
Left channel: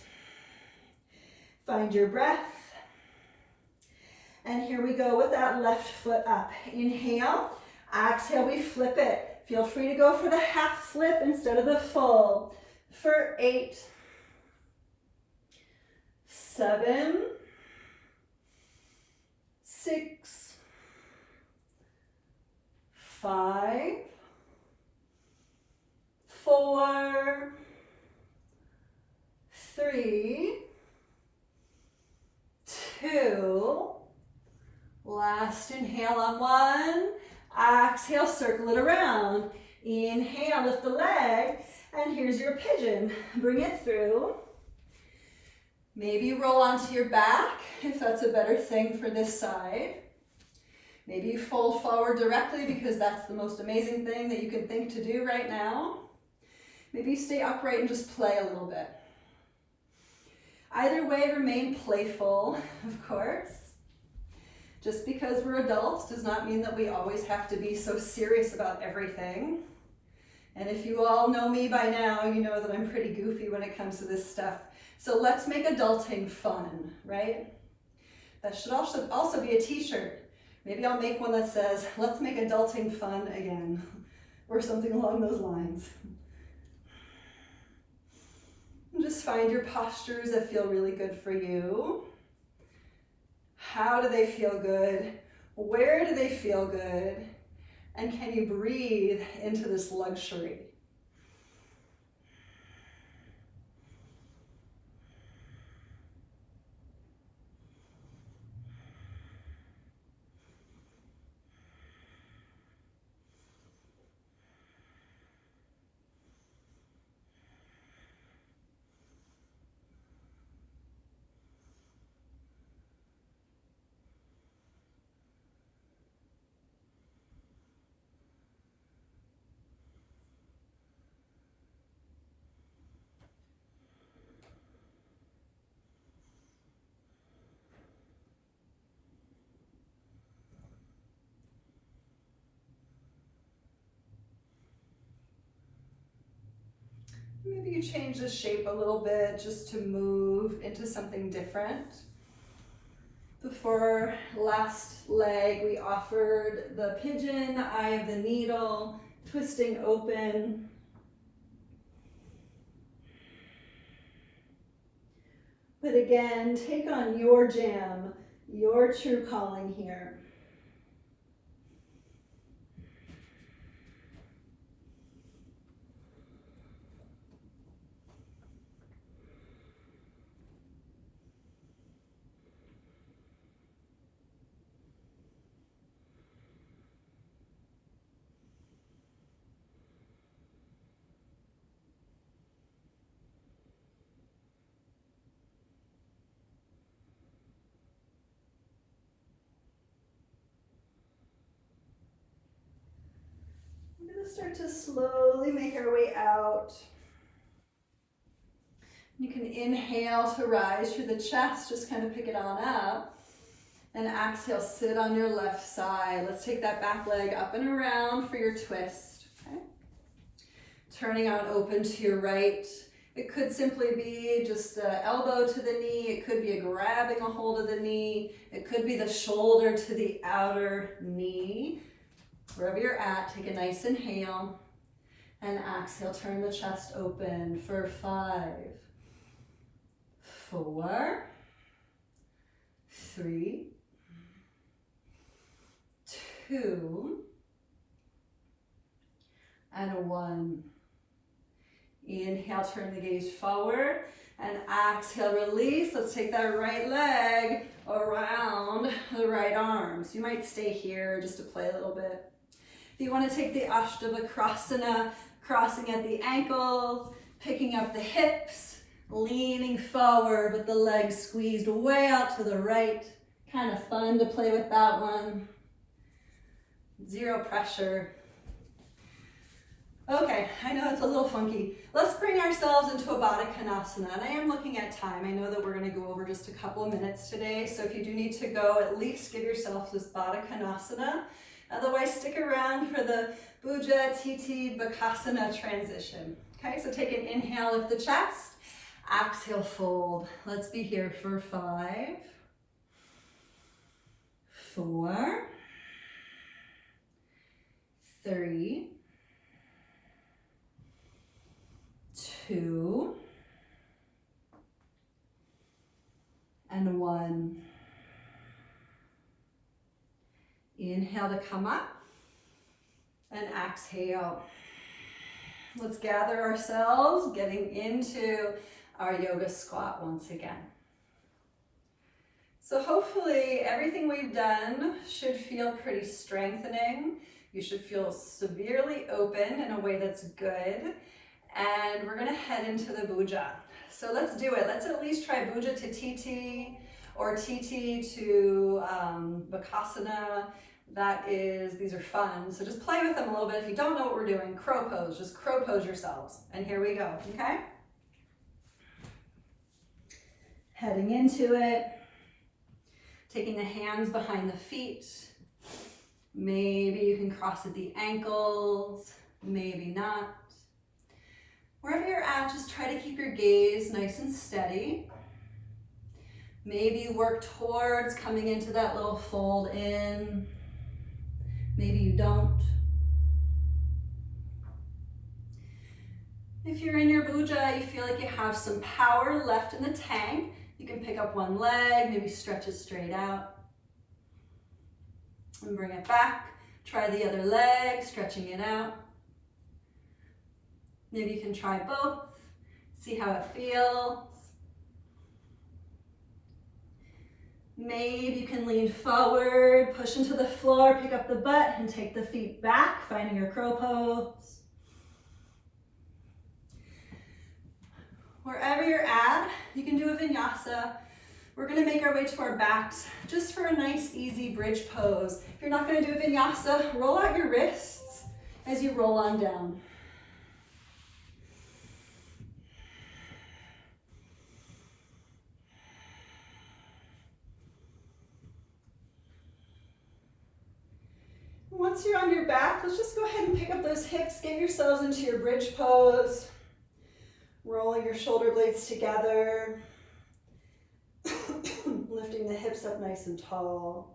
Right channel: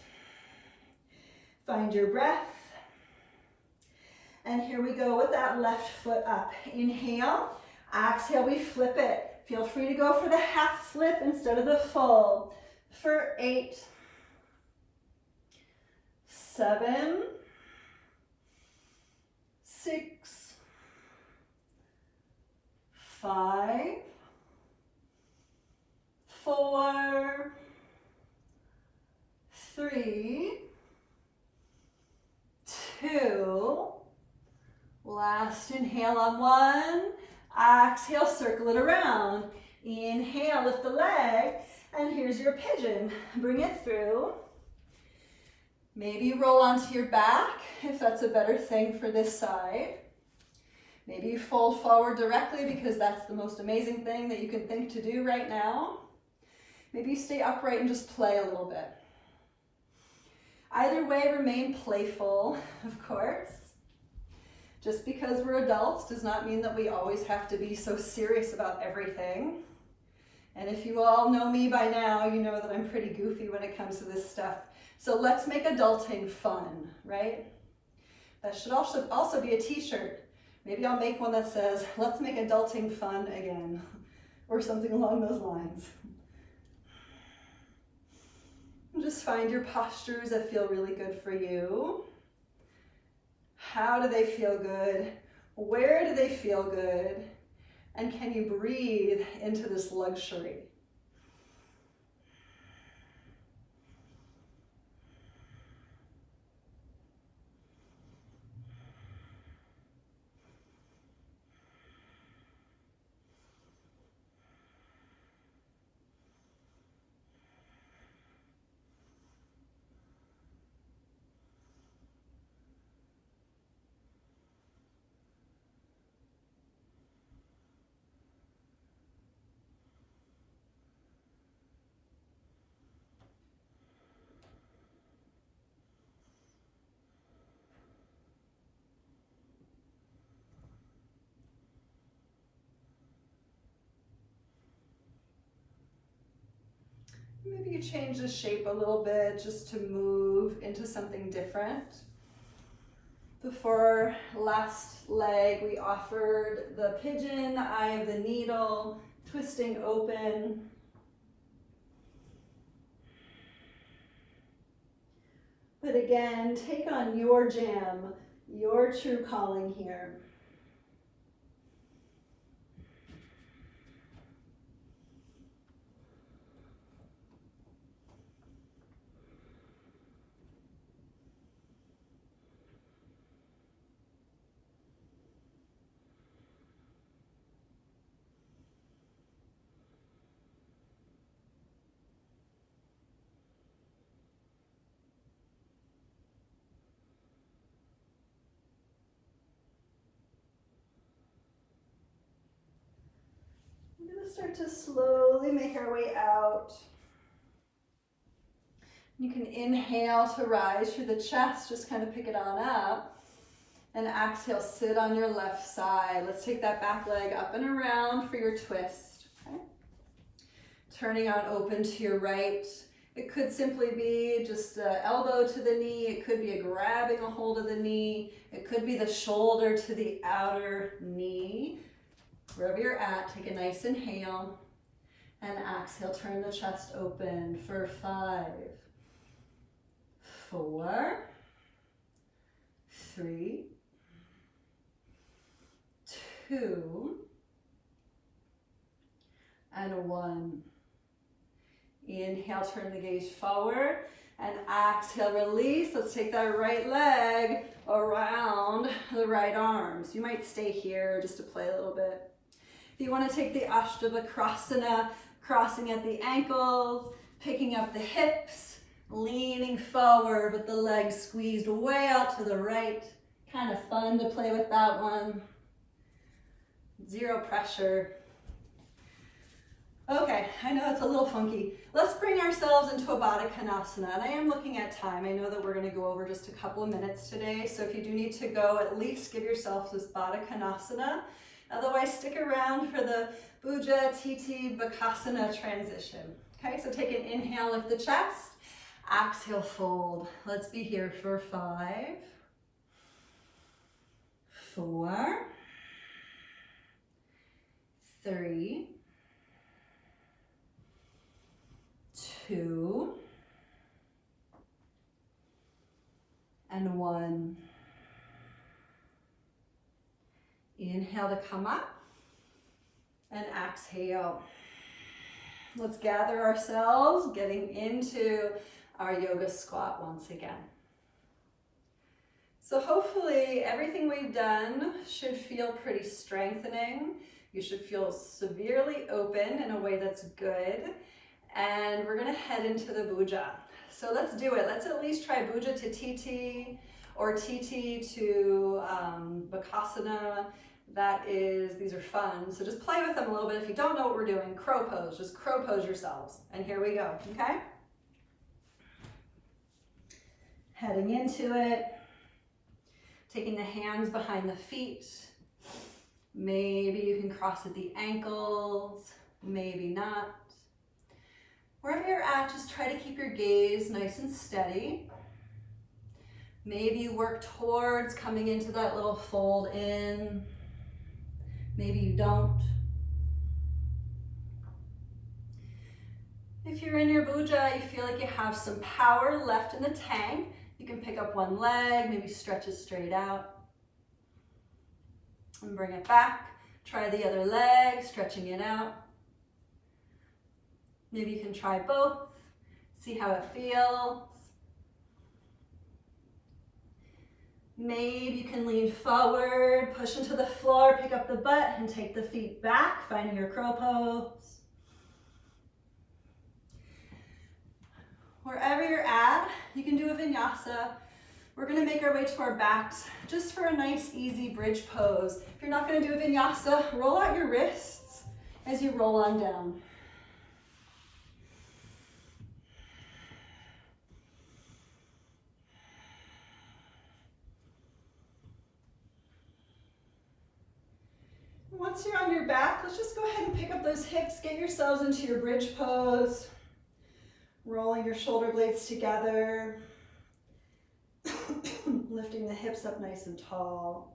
Find your breath. And here we go with that left foot up. Inhale, exhale, we flip it. Feel free to go for the half flip instead of the full. For 8, 7, 6, 5, 4, 3, 2, last inhale on 1, exhale, circle it around. Inhale, lift the leg, and here's your pigeon. Bring it through. Maybe roll onto your back if that's a better thing for this side. Maybe you fold forward directly because that's the most amazing thing that you can think to do right now. Maybe you stay upright and just play a little bit. Either way, remain playful, of course. Just because we're adults does not mean that we always have to be so serious about everything. And if you all know me by now, you know that I'm pretty goofy when it comes to this stuff. So let's make adulting fun, right? That should also be a t-shirt. Maybe I'll make one that says, let's make adulting fun again, or something along those lines. And just find your postures that feel really good for you. How do they feel good? Where do they feel good? And can you breathe into this luxury? Maybe you change the shape a little bit just to move into something different. For our last leg, we offered the pigeon, the eye of the needle, twisting open. But again, take on your jam, your true calling here. Just start to slowly make our way out. You can inhale to rise through the chest, just kind of pick it on up. And exhale, sit on your left side. Let's take that back leg up and around for your twist. Okay. Turning out open to your right. It could simply be just an elbow to the knee. It could be a grabbing a hold of the knee. It could be the shoulder to the outer knee. Wherever you're at, take a nice inhale. And exhale, turn the chest open for 5, 4, 3, 2, and 1. Inhale, turn the gaze forward, and exhale, release. Let's take that right leg around the right arm. So you might stay here just to play a little bit. If you want to take the Ashtavakrasana, crossing at the ankles, picking up the hips, leaning forward with the legs squeezed way out to the right. Kind of fun to play with that one. Zero pressure. Okay, I know it's a little funky. Let's bring ourselves into a Padanggustasana, and I am looking at time. I know that we're going to go over just a couple of minutes today, so if you do need to go, at least give yourself this Padanggustasana. Otherwise, stick around for the Bhuja Titi Bakasana transition. Okay, so take an inhale, lift the chest. Exhale, fold. Let's be here for 5, 4, 3, 2, and 1. Inhale to come up, and exhale. Let's gather ourselves, getting into our yoga squat once again. So hopefully everything we've done should feel pretty strengthening. You should feel severely open in a way that's good. And we're gonna head into the Bhuja. So let's do it. Let's at least try Bhuja to TT or TT to Bakasana. These are fun. So just play with them a little bit. If you don't know what we're doing, crow pose, just crow pose yourselves. And here we go, okay? Heading into it, taking the hands behind the feet. Maybe you can cross at the ankles, maybe not. Wherever you're at, just try to keep your gaze nice and steady. Maybe you work towards coming into that little fold in. Maybe you don't. If you're in your Bhuja, you feel like you have some power left in the tank, you can pick up one leg, maybe stretch it straight out. And bring it back. Try the other leg, stretching it out. Maybe you can try both, see how it feels. Maybe you can lean forward, push into the floor, pick up the butt, and take the feet back, finding your crow pose. Wherever you're at, you can do a vinyasa. We're gonna make our way to our backs just for a nice, easy bridge pose. If you're not gonna do a vinyasa, roll out your wrists as you roll on down. Once you're on your back, let's just go ahead and pick up those hips, get yourselves into your bridge pose. Rolling your shoulder blades together. Lifting the hips up nice and tall.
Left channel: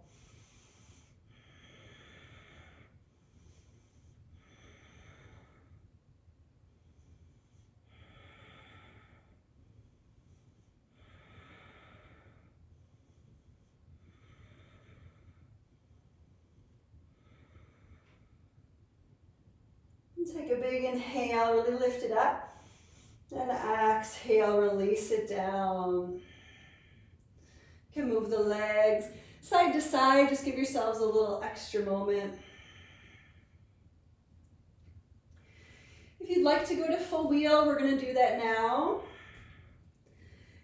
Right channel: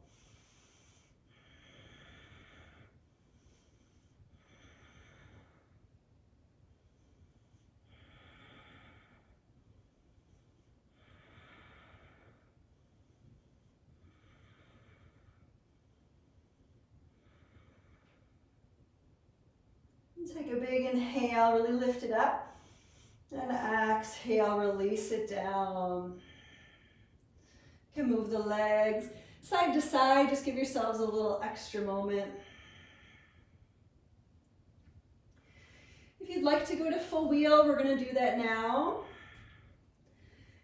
Take a big inhale, really lift it up. And exhale, release it down. You can move the legs side to side, just give yourselves a little extra moment. If you'd like to go to full wheel, we're gonna do that now.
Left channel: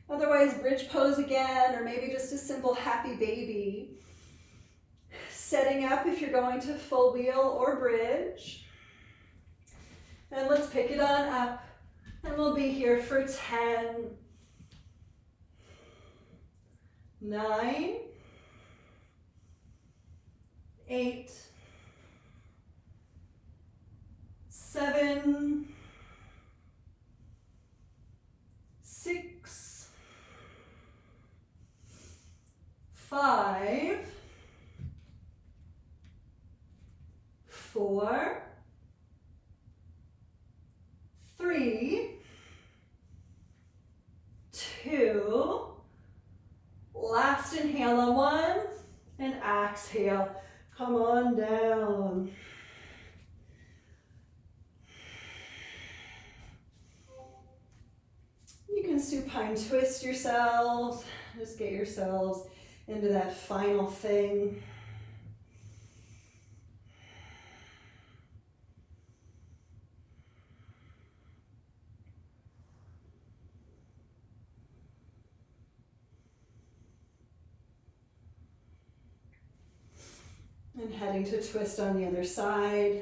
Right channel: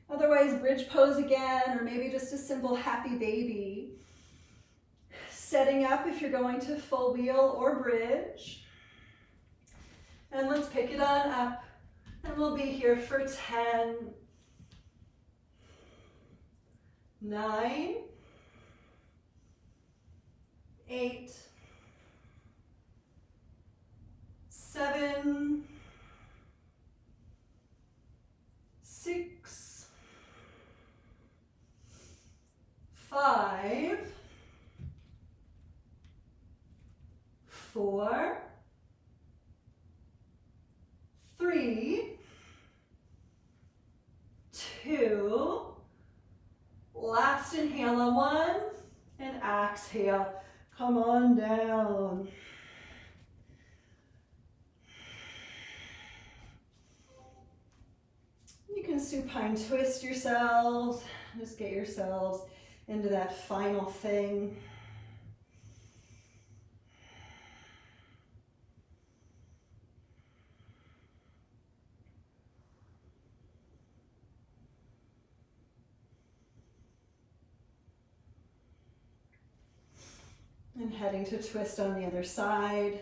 Otherwise, bridge pose again, or maybe just a simple happy baby. Setting up if you're going to full wheel or bridge. And let's pick it on up. And we'll be here for 10, 9, 8, 7, 6, 5, 4, 3, 2, last inhale on 1, and exhale. Come on down. You can supine twist yourselves. Just get yourselves into that final thing. And heading to twist on the other side.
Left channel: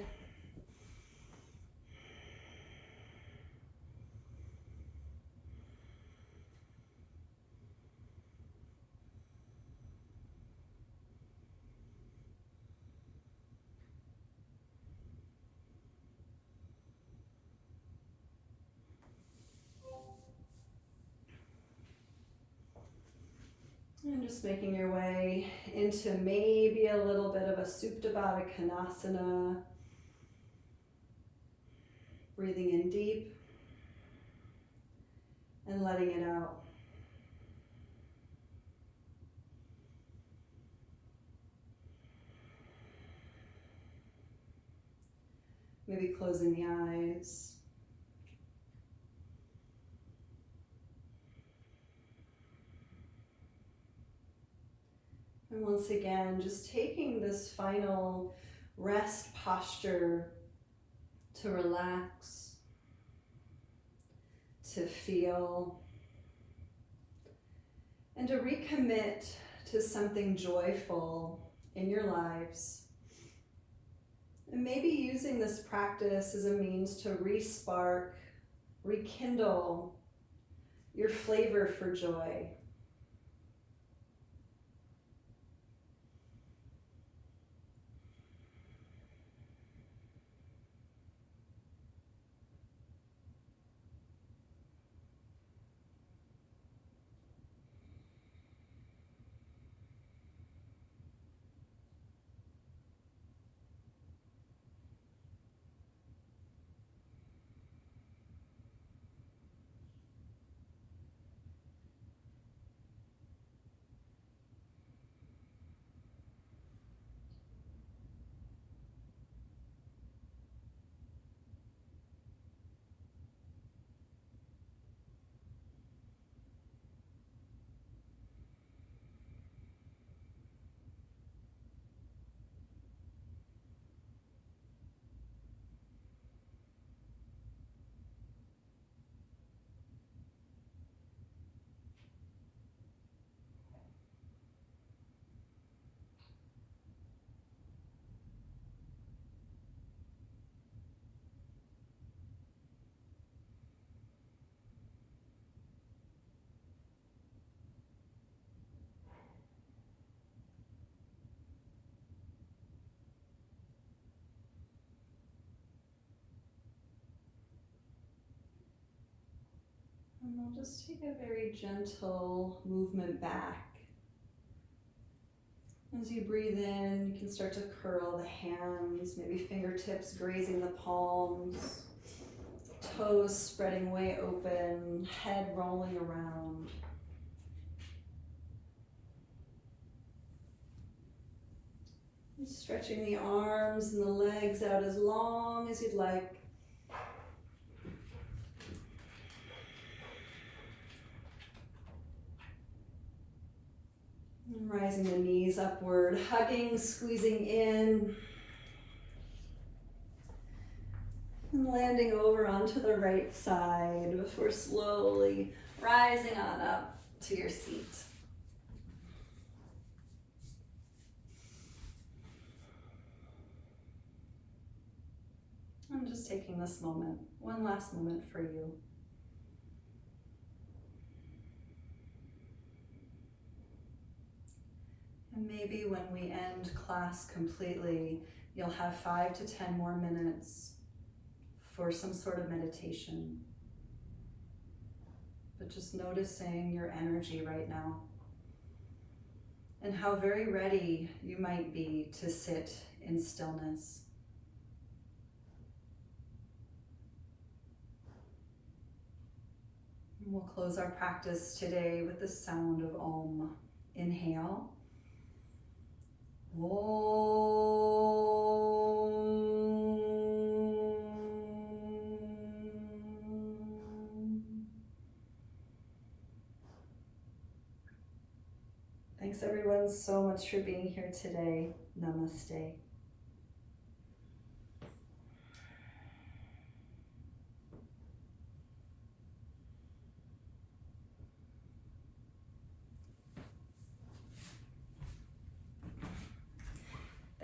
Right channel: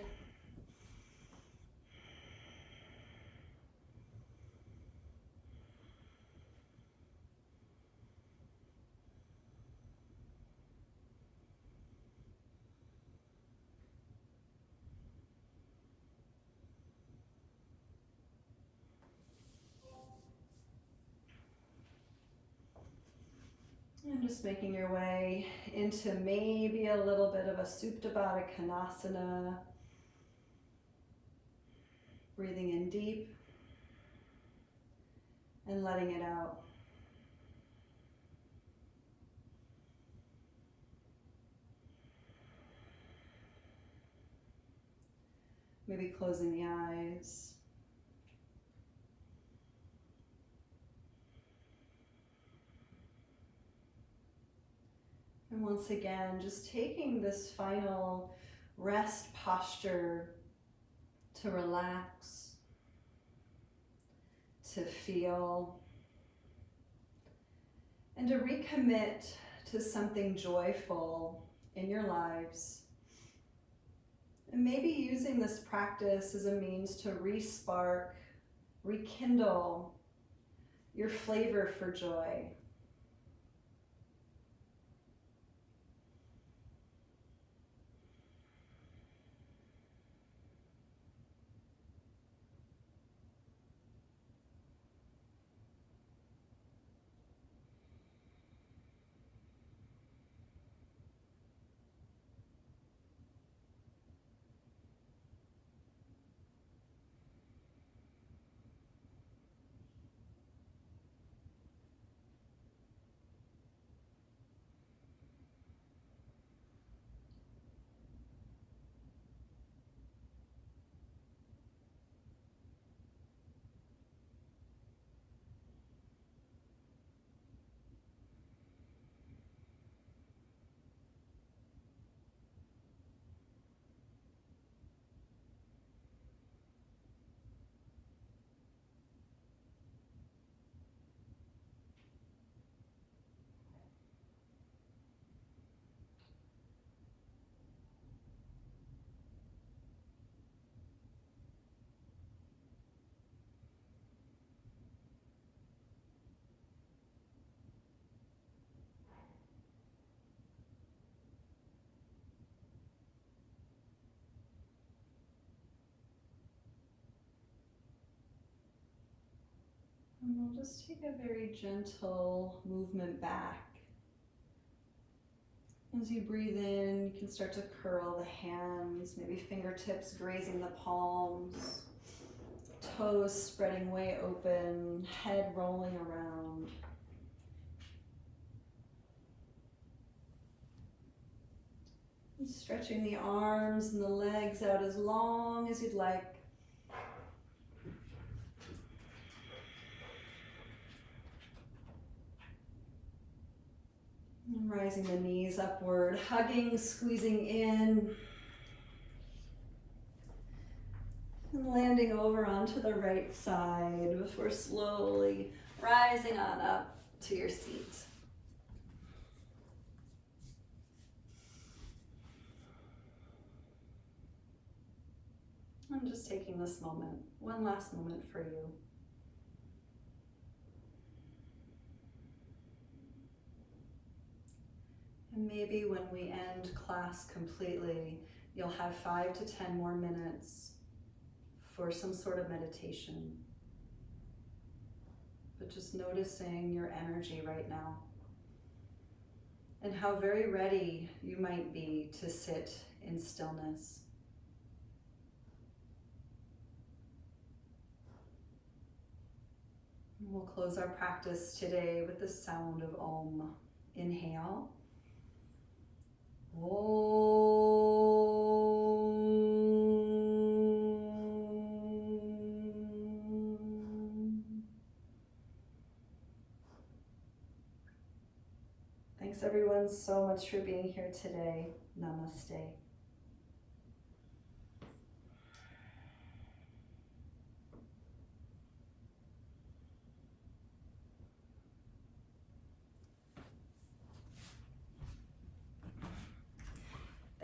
And just making your way into maybe a little bit of a Supta Baddha. Breathing in deep and letting it out. Maybe closing the eyes. And once again, just taking this final rest posture to relax, to feel, and to recommit to something joyful in your lives. And maybe using this practice as a means to re-spark, rekindle your flavor for joy. And we'll just take a very gentle movement back. As you breathe in, you can start to curl the hands, maybe fingertips grazing the palms, toes spreading way open, head rolling around. And stretching the arms and the legs out as long as you'd like. And rising the knees upward, hugging, squeezing in. And landing over onto the right side before slowly rising on up to your seat. I'm just taking this moment, one last moment for you. And maybe when we end class completely, you'll have 5 to 10 more minutes for some sort of meditation. But just noticing your energy right now and how very ready you might be to sit in stillness. And we'll close our practice today with the sound of Om. Inhale. Thanks everyone so much for being here today. Namaste.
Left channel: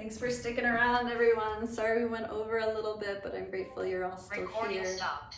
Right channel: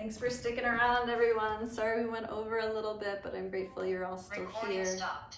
Thanks for sticking around, everyone. Sorry we went over a little bit, but I'm grateful you're all still here. Recording stopped.